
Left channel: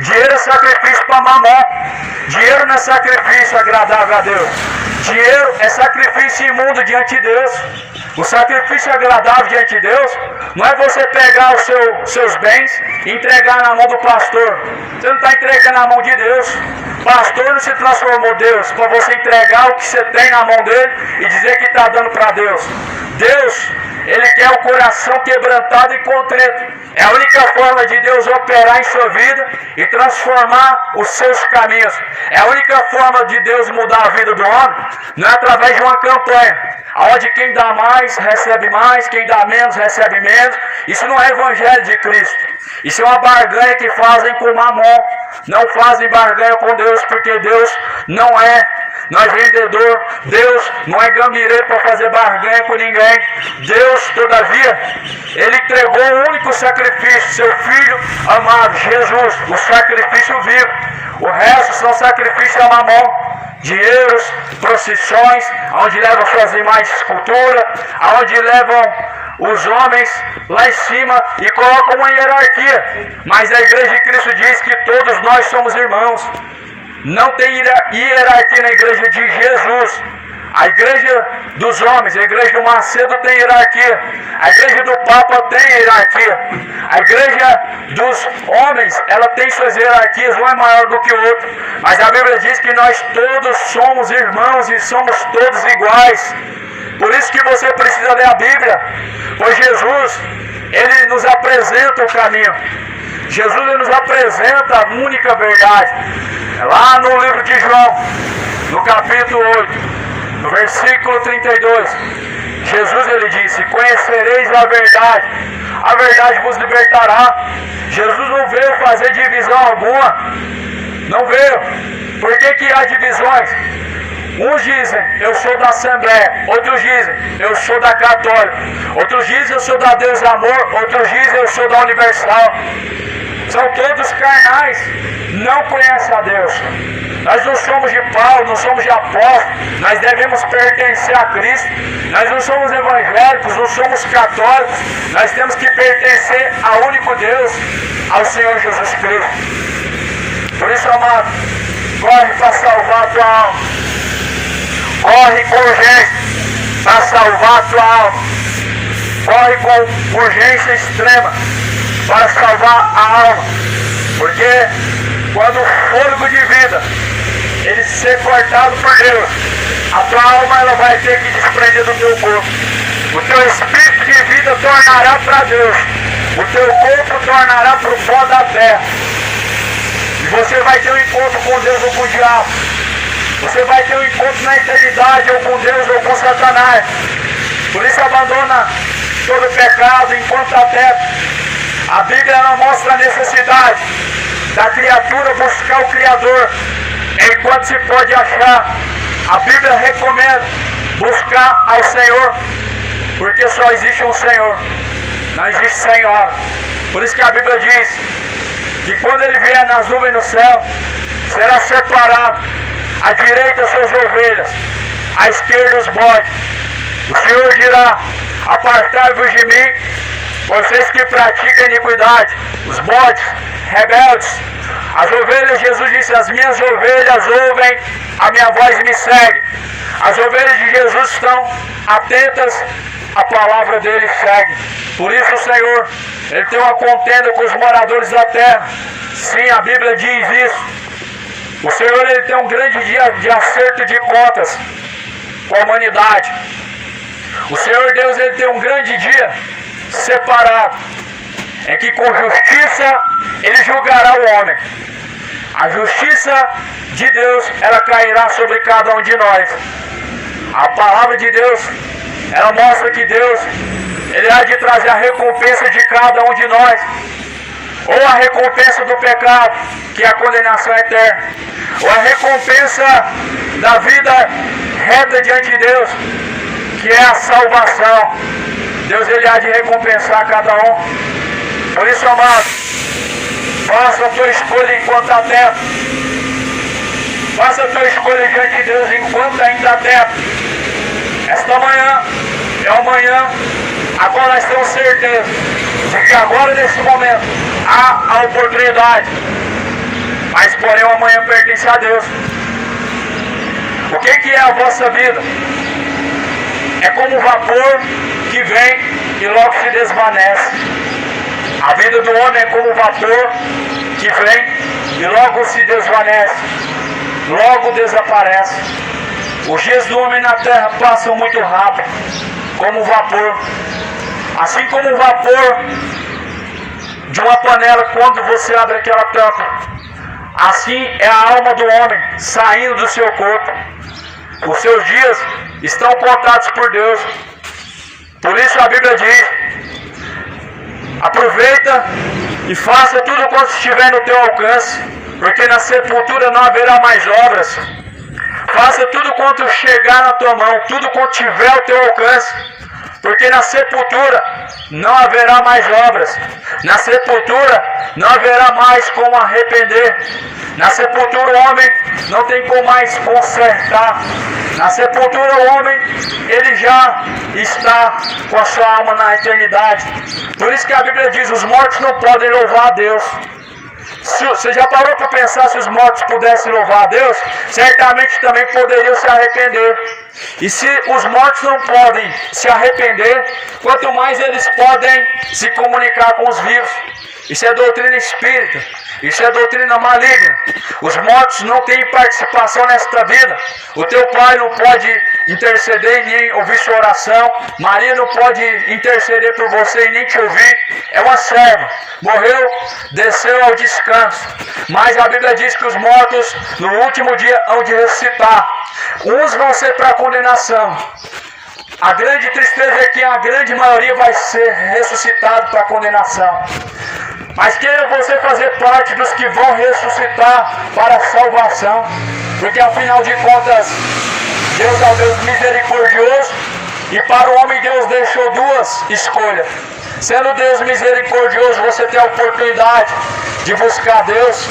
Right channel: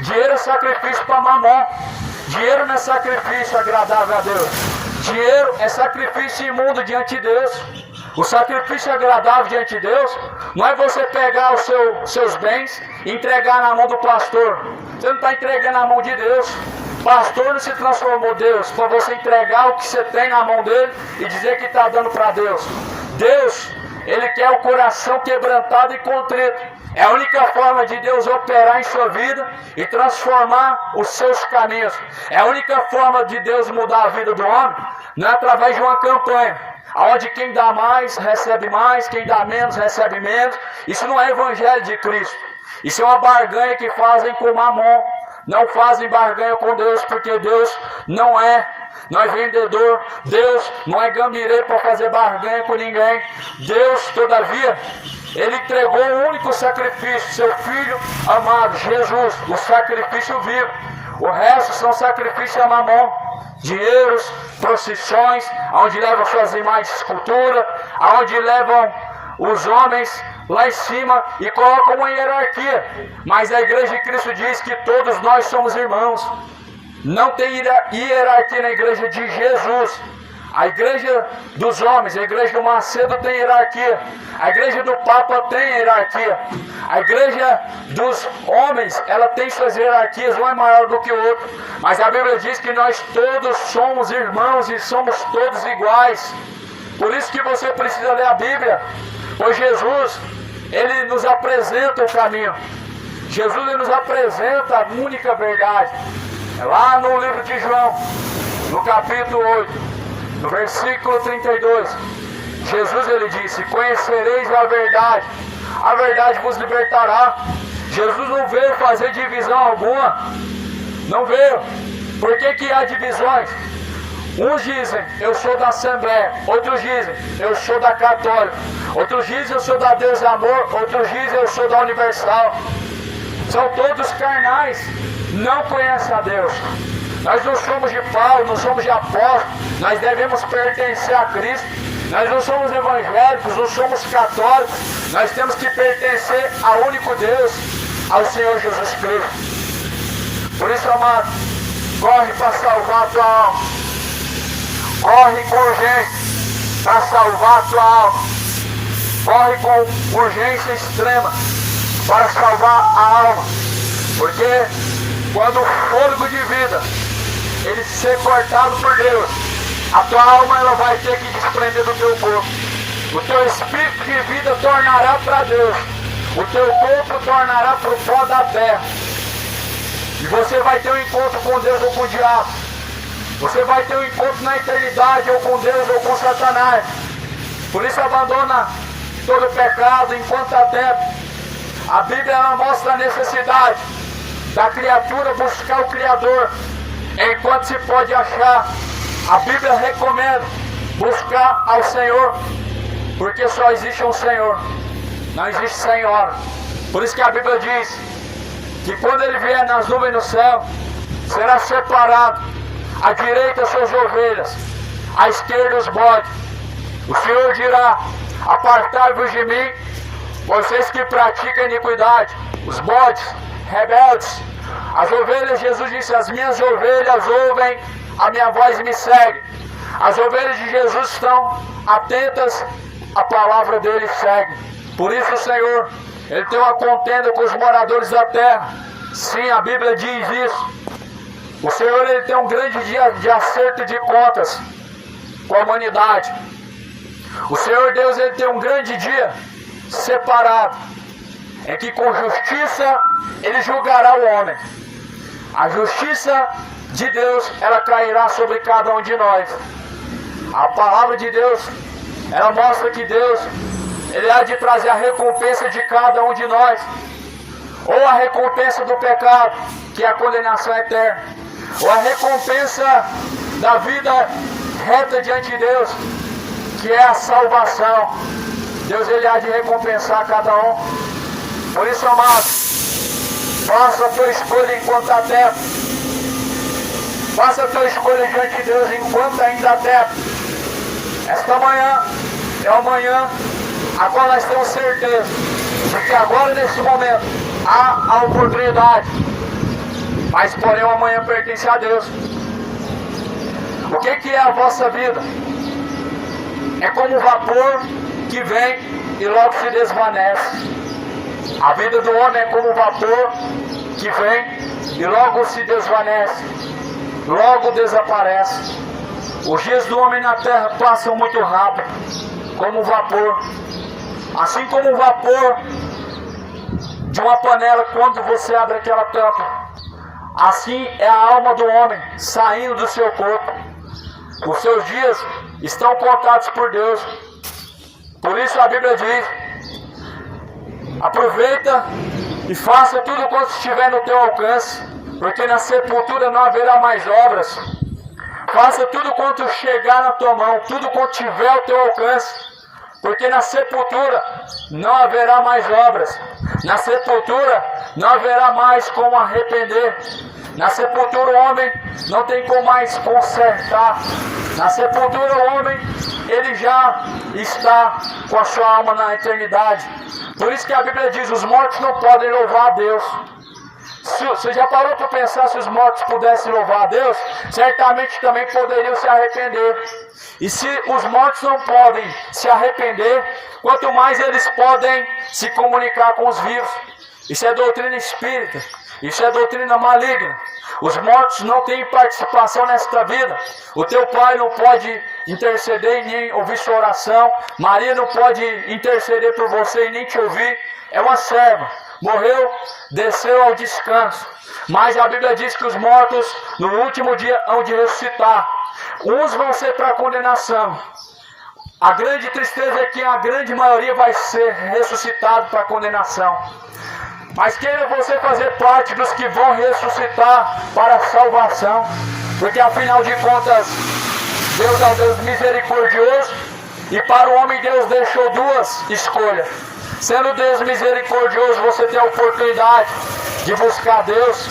Dinheiro é sacrifício para Mamon. Dinheiro não é sacrifício agradável a Deus. Dinheiro é sacrifício imundo diante de Deus. O sacrifício agradável diante de Deus não é você pegar os seus bens e entregar na mão do pastor. Você não está entregando na mão de Deus. Pastor não se transformou em Deus para você entregar o que você tem na mão dele e dizer que está dando para Deus. Deus, Ele quer o coração quebrantado e contrito. É a única forma de Deus operar em sua vida e transformar os seus caminhos. É a única forma de Deus mudar a vida do homem, não é através de uma campanha, onde quem dá mais, recebe mais, quem dá menos, recebe menos. Isso não é evangelho de Cristo. Isso é uma barganha que fazem com Mamon. Não fazem barganha com Deus, porque Deus não é vendedor. Deus não é gambirê para fazer barganha com ninguém. Deus, todavia, Ele entregou o único sacrifício, seu Filho amado, Jesus, o sacrifício vivo. O resto são sacrifícios a Mamon. Dinheiros, procissões, onde levam suas imagens de escultura, onde levam os homens lá em cima e colocam uma hierarquia. Mas a Igreja de Cristo diz que todos nós somos irmãos. Não tem hierarquia na Igreja de Jesus. A Igreja dos homens, a Igreja do Macedo tem hierarquia. A Igreja do Papa tem hierarquia. A Igreja dos homens, ela tem suas hierarquias, um é maior do que o outro. Mas a Bíblia diz que nós todos somos irmãos e somos todos iguais. Por isso que você precisa ler a Bíblia. Pois Jesus, Ele nos apresenta o caminho. Jesus ele nos apresenta a única verdade. Lá no livro de João, no capítulo 8, no versículo 32, Jesus ele disse: conhecereis a verdade vos libertará. Jesus não veio fazer divisão alguma, não veio. Por que há divisões? Uns dizem, eu sou da Assembleia. Outros dizem, eu sou da Católica. Outros dizem, eu sou da Deus Amor. Outros dizem, eu sou da Universal. São todos carnais, não conhecem a Deus. Nós não somos de Paulo, não somos de apóstolo. Nós devemos pertencer a Cristo. Nós não somos evangélicos, não somos católicos. Nós temos que pertencer ao único Deus, ao Senhor Jesus Cristo. Por isso, amado, corre para salvar a tua alma. Corre com urgência para salvar a tua alma. Corre com urgência extrema para salvar a alma. Porque quando o fôlego de vida ele ser cortado por Deus, a tua alma ela vai ter que desprender do teu corpo. O teu espírito de vida tornará para Deus. O teu corpo tornará para o pó da terra. vai ter um encontro com Deus ou com o diabo. Você vai ter um encontro na eternidade, ou com Deus ou com Satanás. Por isso abandona todo pecado enquanto há tempo. A Bíblia ela mostra a necessidade da criatura buscar o Criador enquanto se pode achar. A Bíblia recomenda buscar ao Senhor, porque só existe um Senhor, não existe Senhora. Por isso que a Bíblia diz que quando Ele vier nas nuvens no céu, será separado à direita suas ovelhas, à esquerda os bodes. O Senhor dirá: apartai-vos de mim, vocês que praticam iniquidade, os bodes, rebeldes. As ovelhas, Jesus disse, as minhas ovelhas ouvem a minha voz e me seguem. As ovelhas de Jesus estão atentas à palavra dele e seguem. Por isso o Senhor, Ele tem uma contenda com os moradores da terra. Sim, a Bíblia diz isso. O Senhor, Ele tem um grande dia de acerto de contas com a humanidade. O Senhor Deus, Ele tem um grande dia separado, em que com justiça Ele julgará o homem. A justiça de Deus, ela cairá sobre cada um de nós. A palavra de Deus, ela mostra que Deus, Ele há de trazer a recompensa de cada um de nós. Ou a recompensa do pecado, que é a condenação eterna. Ou a recompensa da vida reta diante de Deus, que é a salvação. Deus, Ele há de recompensar cada um. Por isso, amados, faça a tua escolha enquanto há tempo. Faça a tua escolha diante de Deus enquanto ainda há tempo. Esta manhã é uma manhã a qual nós temos certeza de que agora, nesse momento, há a oportunidade. Mas, porém, o amanhã pertence a Deus. O que é a vossa vida? É como um vapor que vem e logo se desvanece. A vida do homem é como um vapor que vem e logo se desvanece, logo desaparece. Os dias do homem na terra passam muito rápido, como um vapor. Assim como o vapor de uma panela, quando você abre aquela tampa, assim é a alma do homem saindo do seu corpo. Os seus dias estão contados por Deus. Por isso a Bíblia diz: aproveita e faça tudo quanto estiver no teu alcance, porque na sepultura não haverá mais obras. Faça tudo quanto chegar na tua mão, tudo quanto tiver ao teu alcance, porque na sepultura não haverá mais obras. Na sepultura não haverá mais como arrepender. Na sepultura o homem não tem como mais consertar. Na sepultura o homem, ele já está com a sua alma na eternidade. Por isso que a Bíblia diz: os mortos não podem louvar a Deus. Você já parou para pensar, se os mortos pudessem louvar a Deus, certamente também poderiam se arrepender. E se os mortos não podem se arrepender, quanto mais eles podem se comunicar com os vivos. Isso é doutrina espírita. Isso é doutrina maligna. Os mortos não têm participação nesta vida. O teu pai não pode interceder e nem ouvir sua oração. Maria não pode interceder por você e nem te ouvir. É uma serva. Morreu, desceu ao descanso. Mas a Bíblia diz que os mortos no último dia hão de ressuscitar. Uns vão ser para a condenação. A grande tristeza é que a grande maioria vai ser ressuscitado para a condenação. Mas queira você fazer parte dos que vão ressuscitar para a salvação. Porque afinal de contas, Deus é um Deus misericordioso. E para o homem Deus deixou duas escolhas. Sendo Deus misericordioso, você tem a oportunidade de buscar Deus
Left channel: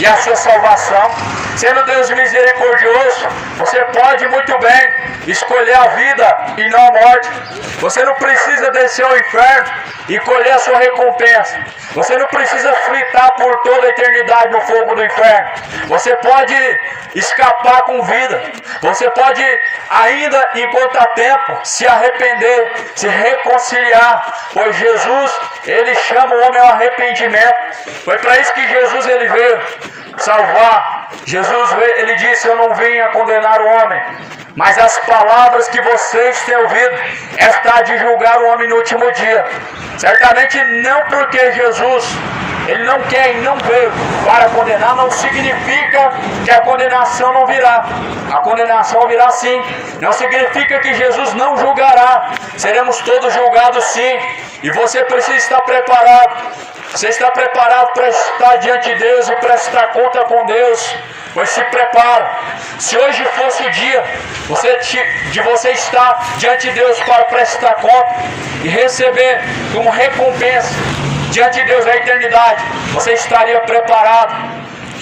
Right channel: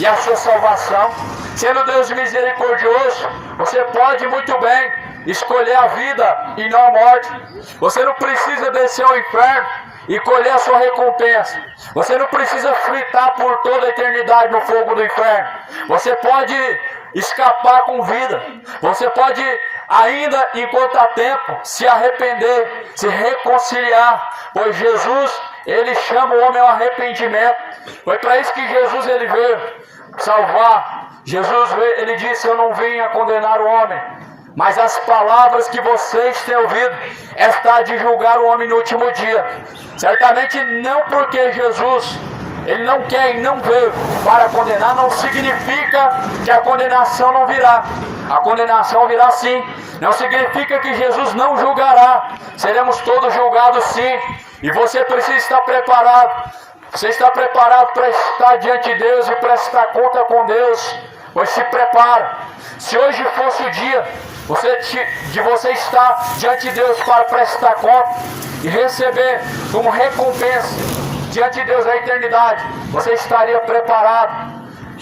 e a sua salvação. Sendo Deus misericordioso, você pode muito bem escolher a vida e não a morte. Você não precisa descer ao inferno e colher a sua recompensa. Você não precisa fritar por toda a eternidade no fogo do inferno. Você pode escapar com vida. Você pode, ainda enquanto há tempo, se arrepender, se reconciliar. Pois Jesus, Ele chama o homem ao arrependimento. Foi para isso que Jesus ele veio salvar. Jesus, Ele disse: eu não vim a condenar o homem, mas as palavras que vocês têm ouvido, está de julgar o homem no último dia. Certamente não porque Jesus, Ele não quer e não veio para condenar não significa que a condenação não virá. A condenação virá sim. Não significa que Jesus não julgará. Seremos todos julgados sim. E você precisa estar preparado. Você está preparado para estar diante de Deus e prestar conta com Deus? Pois se prepare. Se hoje fosse o dia de você estar diante de Deus para prestar conta e receber como recompensa diante de Deus na eternidade, você estaria preparado.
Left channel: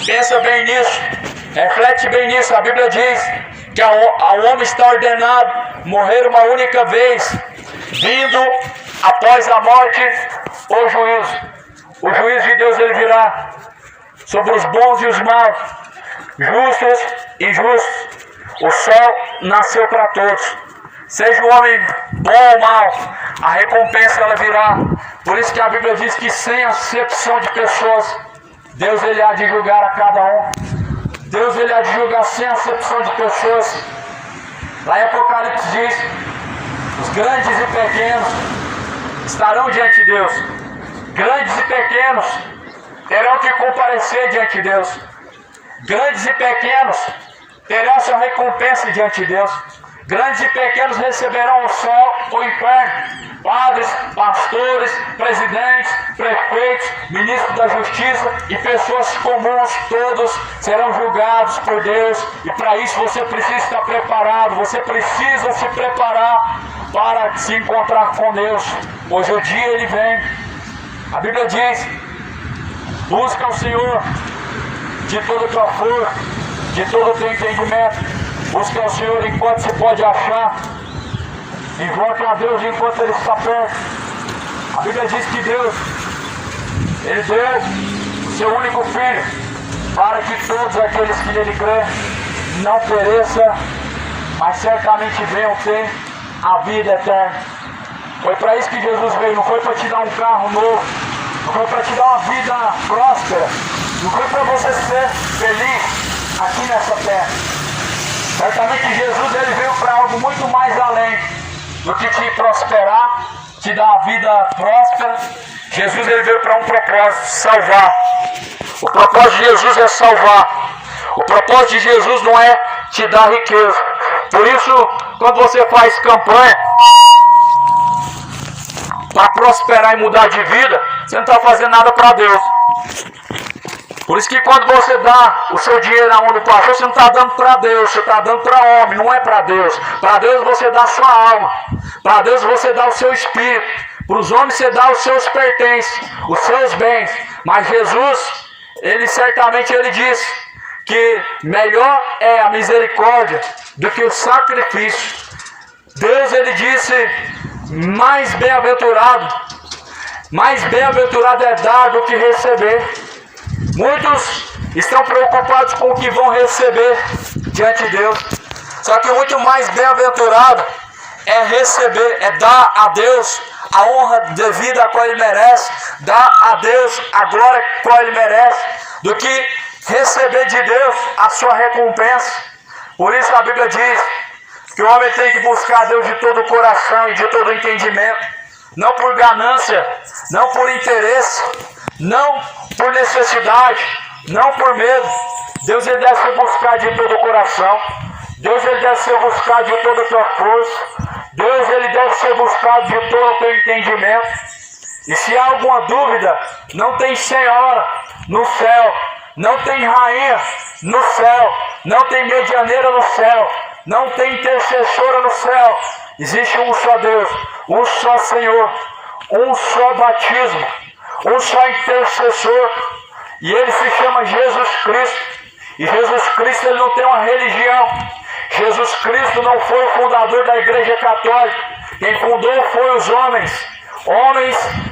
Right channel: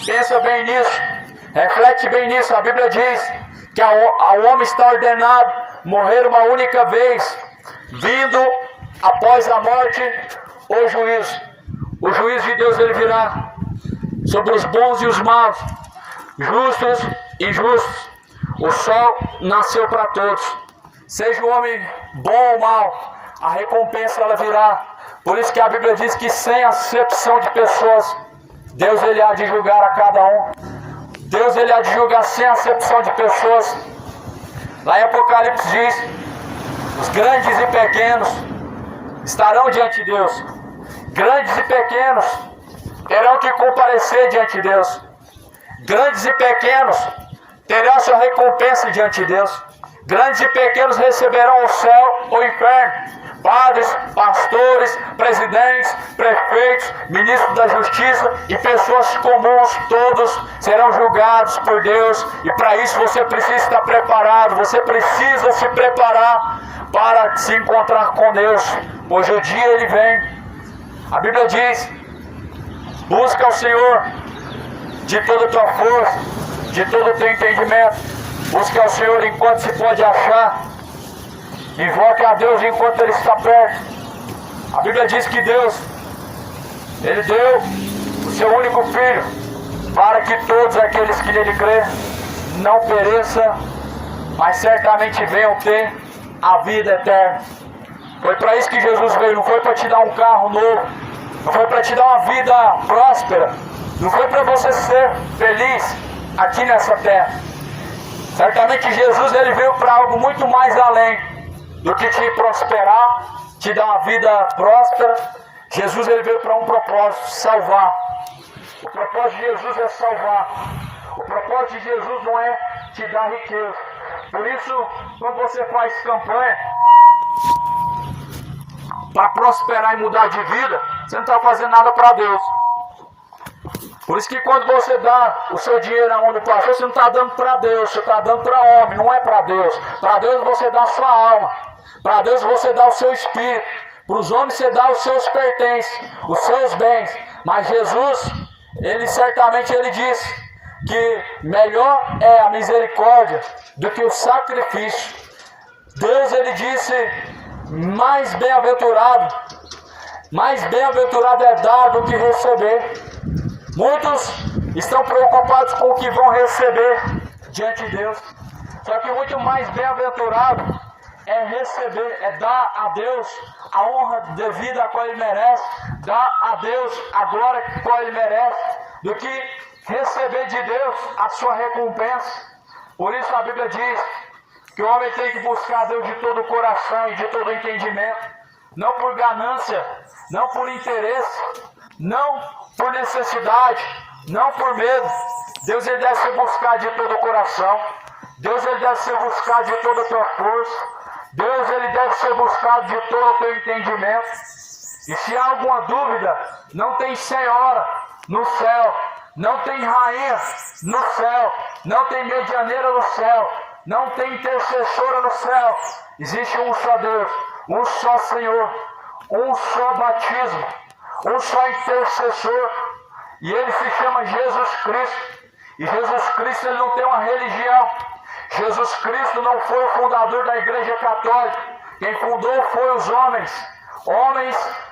Pensa bem nisso. Reflete bem nisso. A Bíblia diz que ao homem está ordenado morrer uma única vez, vindo após a morte o juízo. O juízo de Deus ele virá sobre os bons e os maus, justos e injustos. O sol nasceu para todos. Seja o homem bom ou mau, a recompensa ela virá. Por isso que a Bíblia diz que sem acepção de pessoas, Deus ele há de julgar a cada um. Deus ele há de julgar sem acepção de pessoas. Lá em Apocalipse diz: os grandes e pequenos estarão diante de Deus. Grandes e pequenos terão que comparecer diante de Deus. Grandes e pequenos terão sua recompensa diante de Deus. Grandes e pequenos receberão o céu, o inferno. Padres, pastores, presidentes, prefeitos, ministros da justiça e pessoas comuns, todos serão julgados por Deus. E para isso você precisa estar preparado. Você precisa se preparar para se encontrar com Deus. Pois o dia ele vem. A Bíblia diz: busca o Senhor de toda a tua força, de todo o teu entendimento. Busca o Senhor enquanto se pode achar. Invoque a Deus enquanto Ele está perto. A Bíblia diz que Deus, Ele deu o seu único Filho, para que todos aqueles que nele crêem não pereçam, mas certamente venham ter a vida eterna. Foi para isso que Jesus veio. Não foi para te dar um carro novo, não foi para te dar uma vida próspera, não foi para você ser feliz aqui nessa terra. Certamente Jesus ele veio para algo muito mais além do que te prosperar, te dar uma vida próspera. Jesus ele veio para um propósito: salvar. O propósito de Jesus é salvar. O propósito de Jesus não é te dar riqueza. Por isso, quando você faz campanha para prosperar e mudar de vida, você não está fazendo nada para Deus. Por isso que quando você dá o seu dinheiro na mão do pastor, você não está dando para Deus, você está dando para homem, não é para Deus. Para Deus você dá a sua alma, para Deus você dá o seu espírito, para os homens você dá os seus pertences, os seus bens. Mas Jesus, ele certamente ele disse que melhor é a misericórdia do que o sacrifício. Deus ele disse: mais bem-aventurado é dar do que receber. Muitos estão preocupados com o que vão receber diante de Deus. Só que muito mais bem-aventurado é receber, é dar a Deus a honra devida a qual Ele merece, dar a Deus a glória a qual Ele merece, do que receber de Deus a sua recompensa. Por isso a Bíblia diz que o homem tem que buscar a Deus de todo o coração e de todo o entendimento, não por ganância, não por interesse, não por necessidade, não por medo. Deus ele deve ser buscado de todo o coração. Deus ele deve ser buscado de toda a tua força. Deus ele deve ser buscado de todo o teu entendimento. E se há alguma dúvida, não tem senhora no céu, não tem rainha no céu, não tem medianeira no céu, não tem intercessora no céu. Existe um só Deus, um só Senhor, um só batismo, um só intercessor, e ele se chama Jesus Cristo. E Jesus Cristo ele não tem uma religião. Jesus Cristo não foi o fundador da Igreja Católica. Quem fundou foi os homens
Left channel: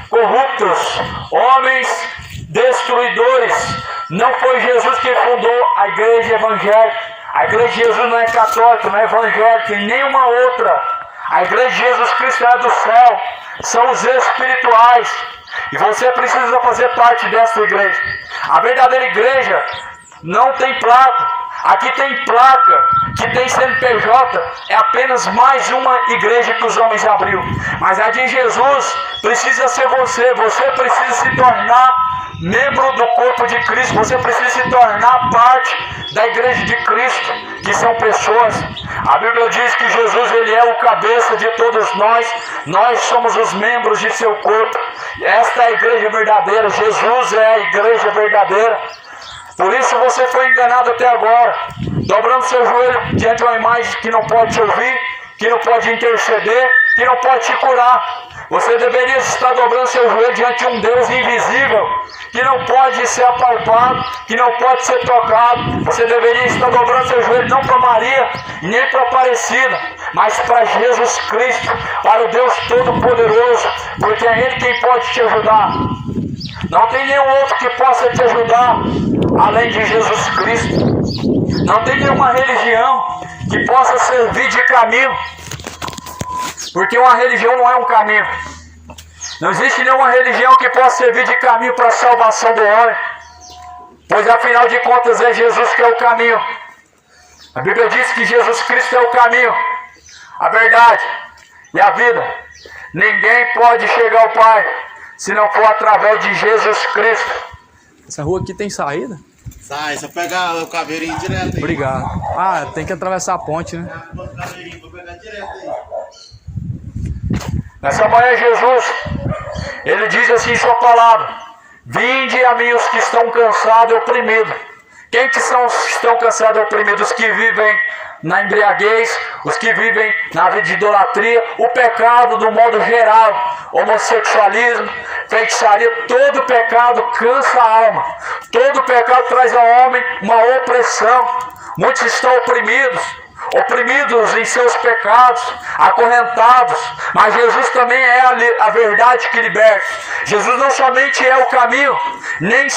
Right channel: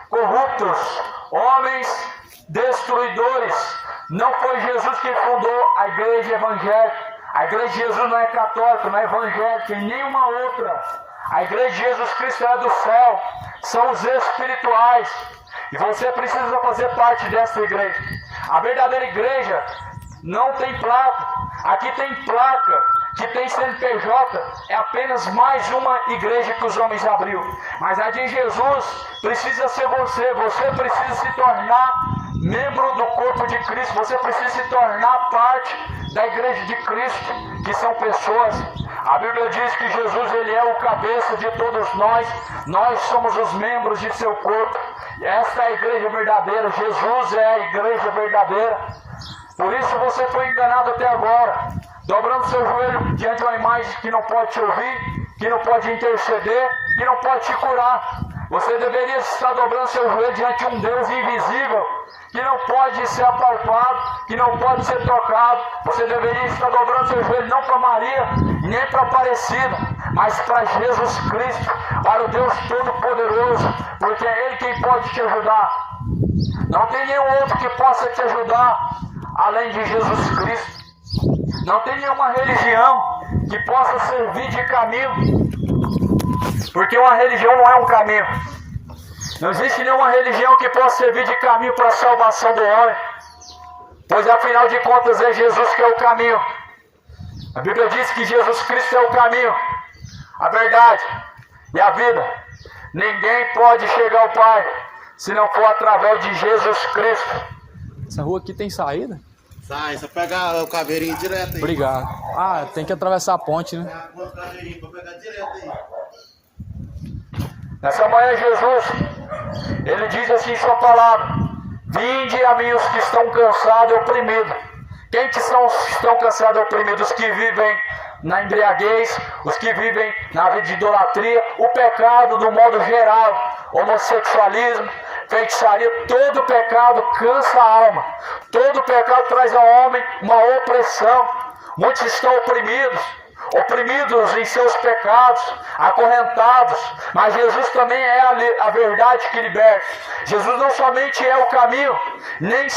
corruptos, homens destruidores. Não foi Jesus quem fundou a Igreja Evangélica. A Igreja de Jesus não é católica, não é evangélica e nenhuma outra. A Igreja de Jesus Cristo é do céu, são os espirituais. E você precisa fazer parte dessa igreja. A verdadeira igreja não tem placa. Aqui tem placa, que tem CNPJ, é apenas mais uma igreja que os homens abriu. Mas a de Jesus precisa ser você. Você precisa se tornar membro do corpo de Cristo. Você precisa se tornar parte da igreja de Cristo, que são pessoas. A Bíblia diz que Jesus, ele é o cabeça de todos nós. Nós somos os membros de seu corpo. Esta é a igreja verdadeira. Jesus é a igreja verdadeira. Por isso você foi enganado até agora, dobrando seu joelho diante de uma imagem que não pode te ouvir, que não pode interceder, que não pode te curar. Você deveria estar dobrando seu joelho diante de um Deus invisível, que não pode ser apalpado, que não pode ser tocado. Você deveria estar dobrando seu joelho não para Maria, nem para Aparecida, mas para Jesus Cristo, para o Deus Todo-Poderoso, porque é Ele quem pode te ajudar. Não tem nenhum outro que possa te ajudar além de Jesus Cristo. Não tem nenhuma religião que possa servir de caminho, porque uma religião não é um caminho. Não existe nenhuma religião que possa servir de caminho para a salvação do homem, pois afinal de contas é Jesus que é o caminho. A Bíblia diz que Jesus Cristo é o caminho, a verdade e a vida. Ninguém pode chegar ao Pai se não for através de Jesus Cristo. Essa rua aqui tem saída? Sai, só pegar o caveirinho direto aí. Obrigado. Ah, tem que atravessar a ponte, né? O caveirinho, vou pegar direto aí. Nessa manhã Jesus, Ele diz assim em sua palavra: vinde a mim os que estão cansados e oprimidos. Quem que são os que estão cansados e oprimidos? Os que vivem na embriaguez, os que vivem na vida de idolatria, o pecado do modo geral, homossexualismo, feitiçaria, todo pecado cansa a alma, todo pecado traz ao homem uma opressão. Muitos estão oprimidos em seus pecados, acorrentados, mas Jesus também é a verdade que liberta. Jesus não somente é o caminho, não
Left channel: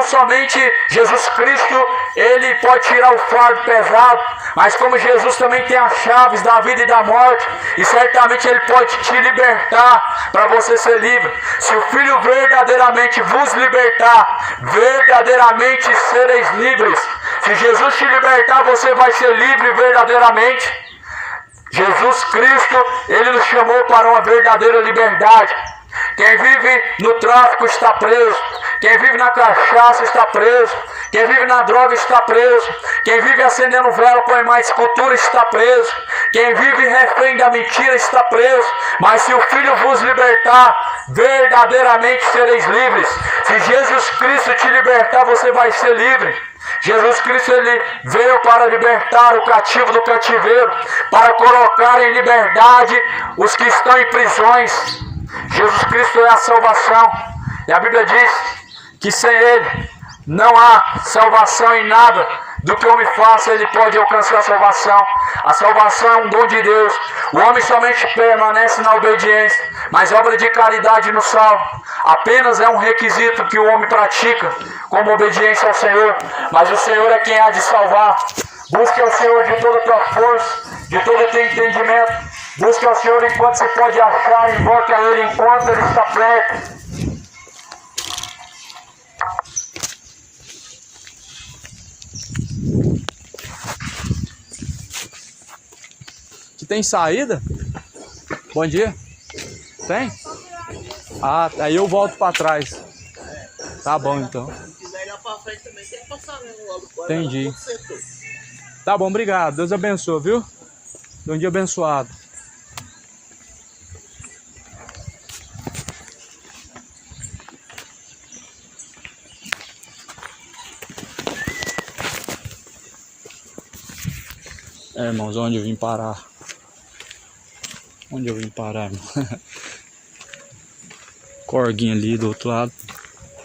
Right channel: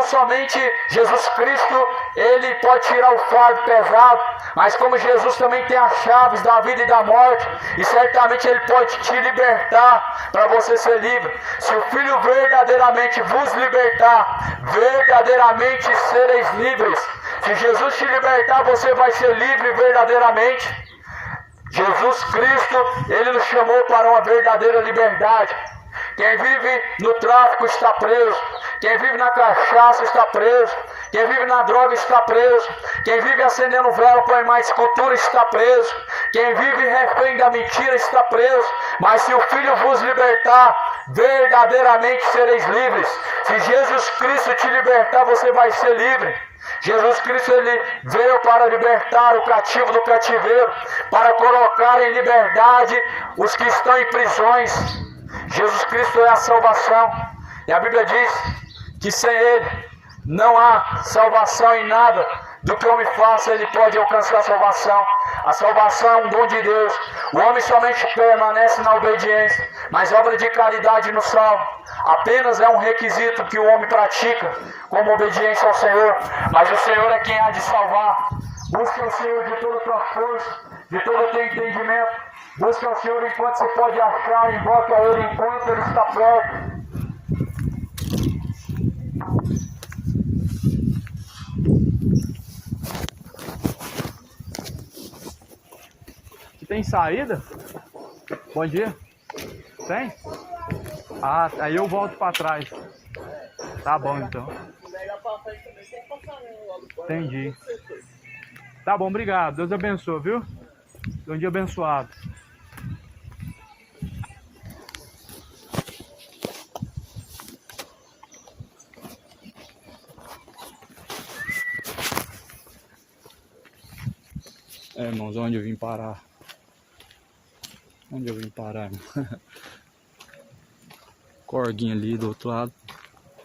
somente Jesus Cristo, Ele pode tirar o fardo pesado, mas como Jesus também tem as chaves da vida e da morte, e certamente Ele pode te libertar para você ser livre. Se o Filho verdadeiramente vos libertar, verdadeiramente sereis livres. Se Jesus te libertar, você vai ser livre verdadeiramente. Jesus Cristo, Ele nos chamou para uma verdadeira liberdade. Quem vive no tráfico está preso. Quem vive na cachaça está preso. Quem vive na droga está preso. Quem vive acendendo vela põe mais escultura está preso. Quem vive refém da mentira está preso. Mas se o Filho vos libertar, verdadeiramente sereis livres. Se Jesus Cristo te libertar, você vai ser livre. Jesus Cristo, Ele veio para libertar o cativo do cativeiro, para colocar em liberdade os que estão em prisões. Jesus Cristo é a salvação. E a Bíblia diz que sem Ele não há salvação em nada do que o homem faça, ele pode alcançar a salvação. A salvação é um dom de Deus. O homem somente permanece na obediência, mas obra de caridade não salva. Apenas é um requisito que o homem pratica como obediência ao Senhor, mas o Senhor é quem há de salvar. Busque ao Senhor de toda a tua força, de todo o teu entendimento. Busque ao Senhor enquanto se pode achar, invoque a Ele enquanto Ele está perto. Aqui tem saída? Bom dia. Tem? Ah, aí eu volto pra trás. Tá bom então. Se quiser ir lá pra frente também, você vai passar logo. Entendi. Tá bom, obrigado. Deus abençoe, viu? Um dia abençoado. É, irmãos, onde eu vim parar? Onde eu vim parar, irmão? Corguinho ali do outro lado.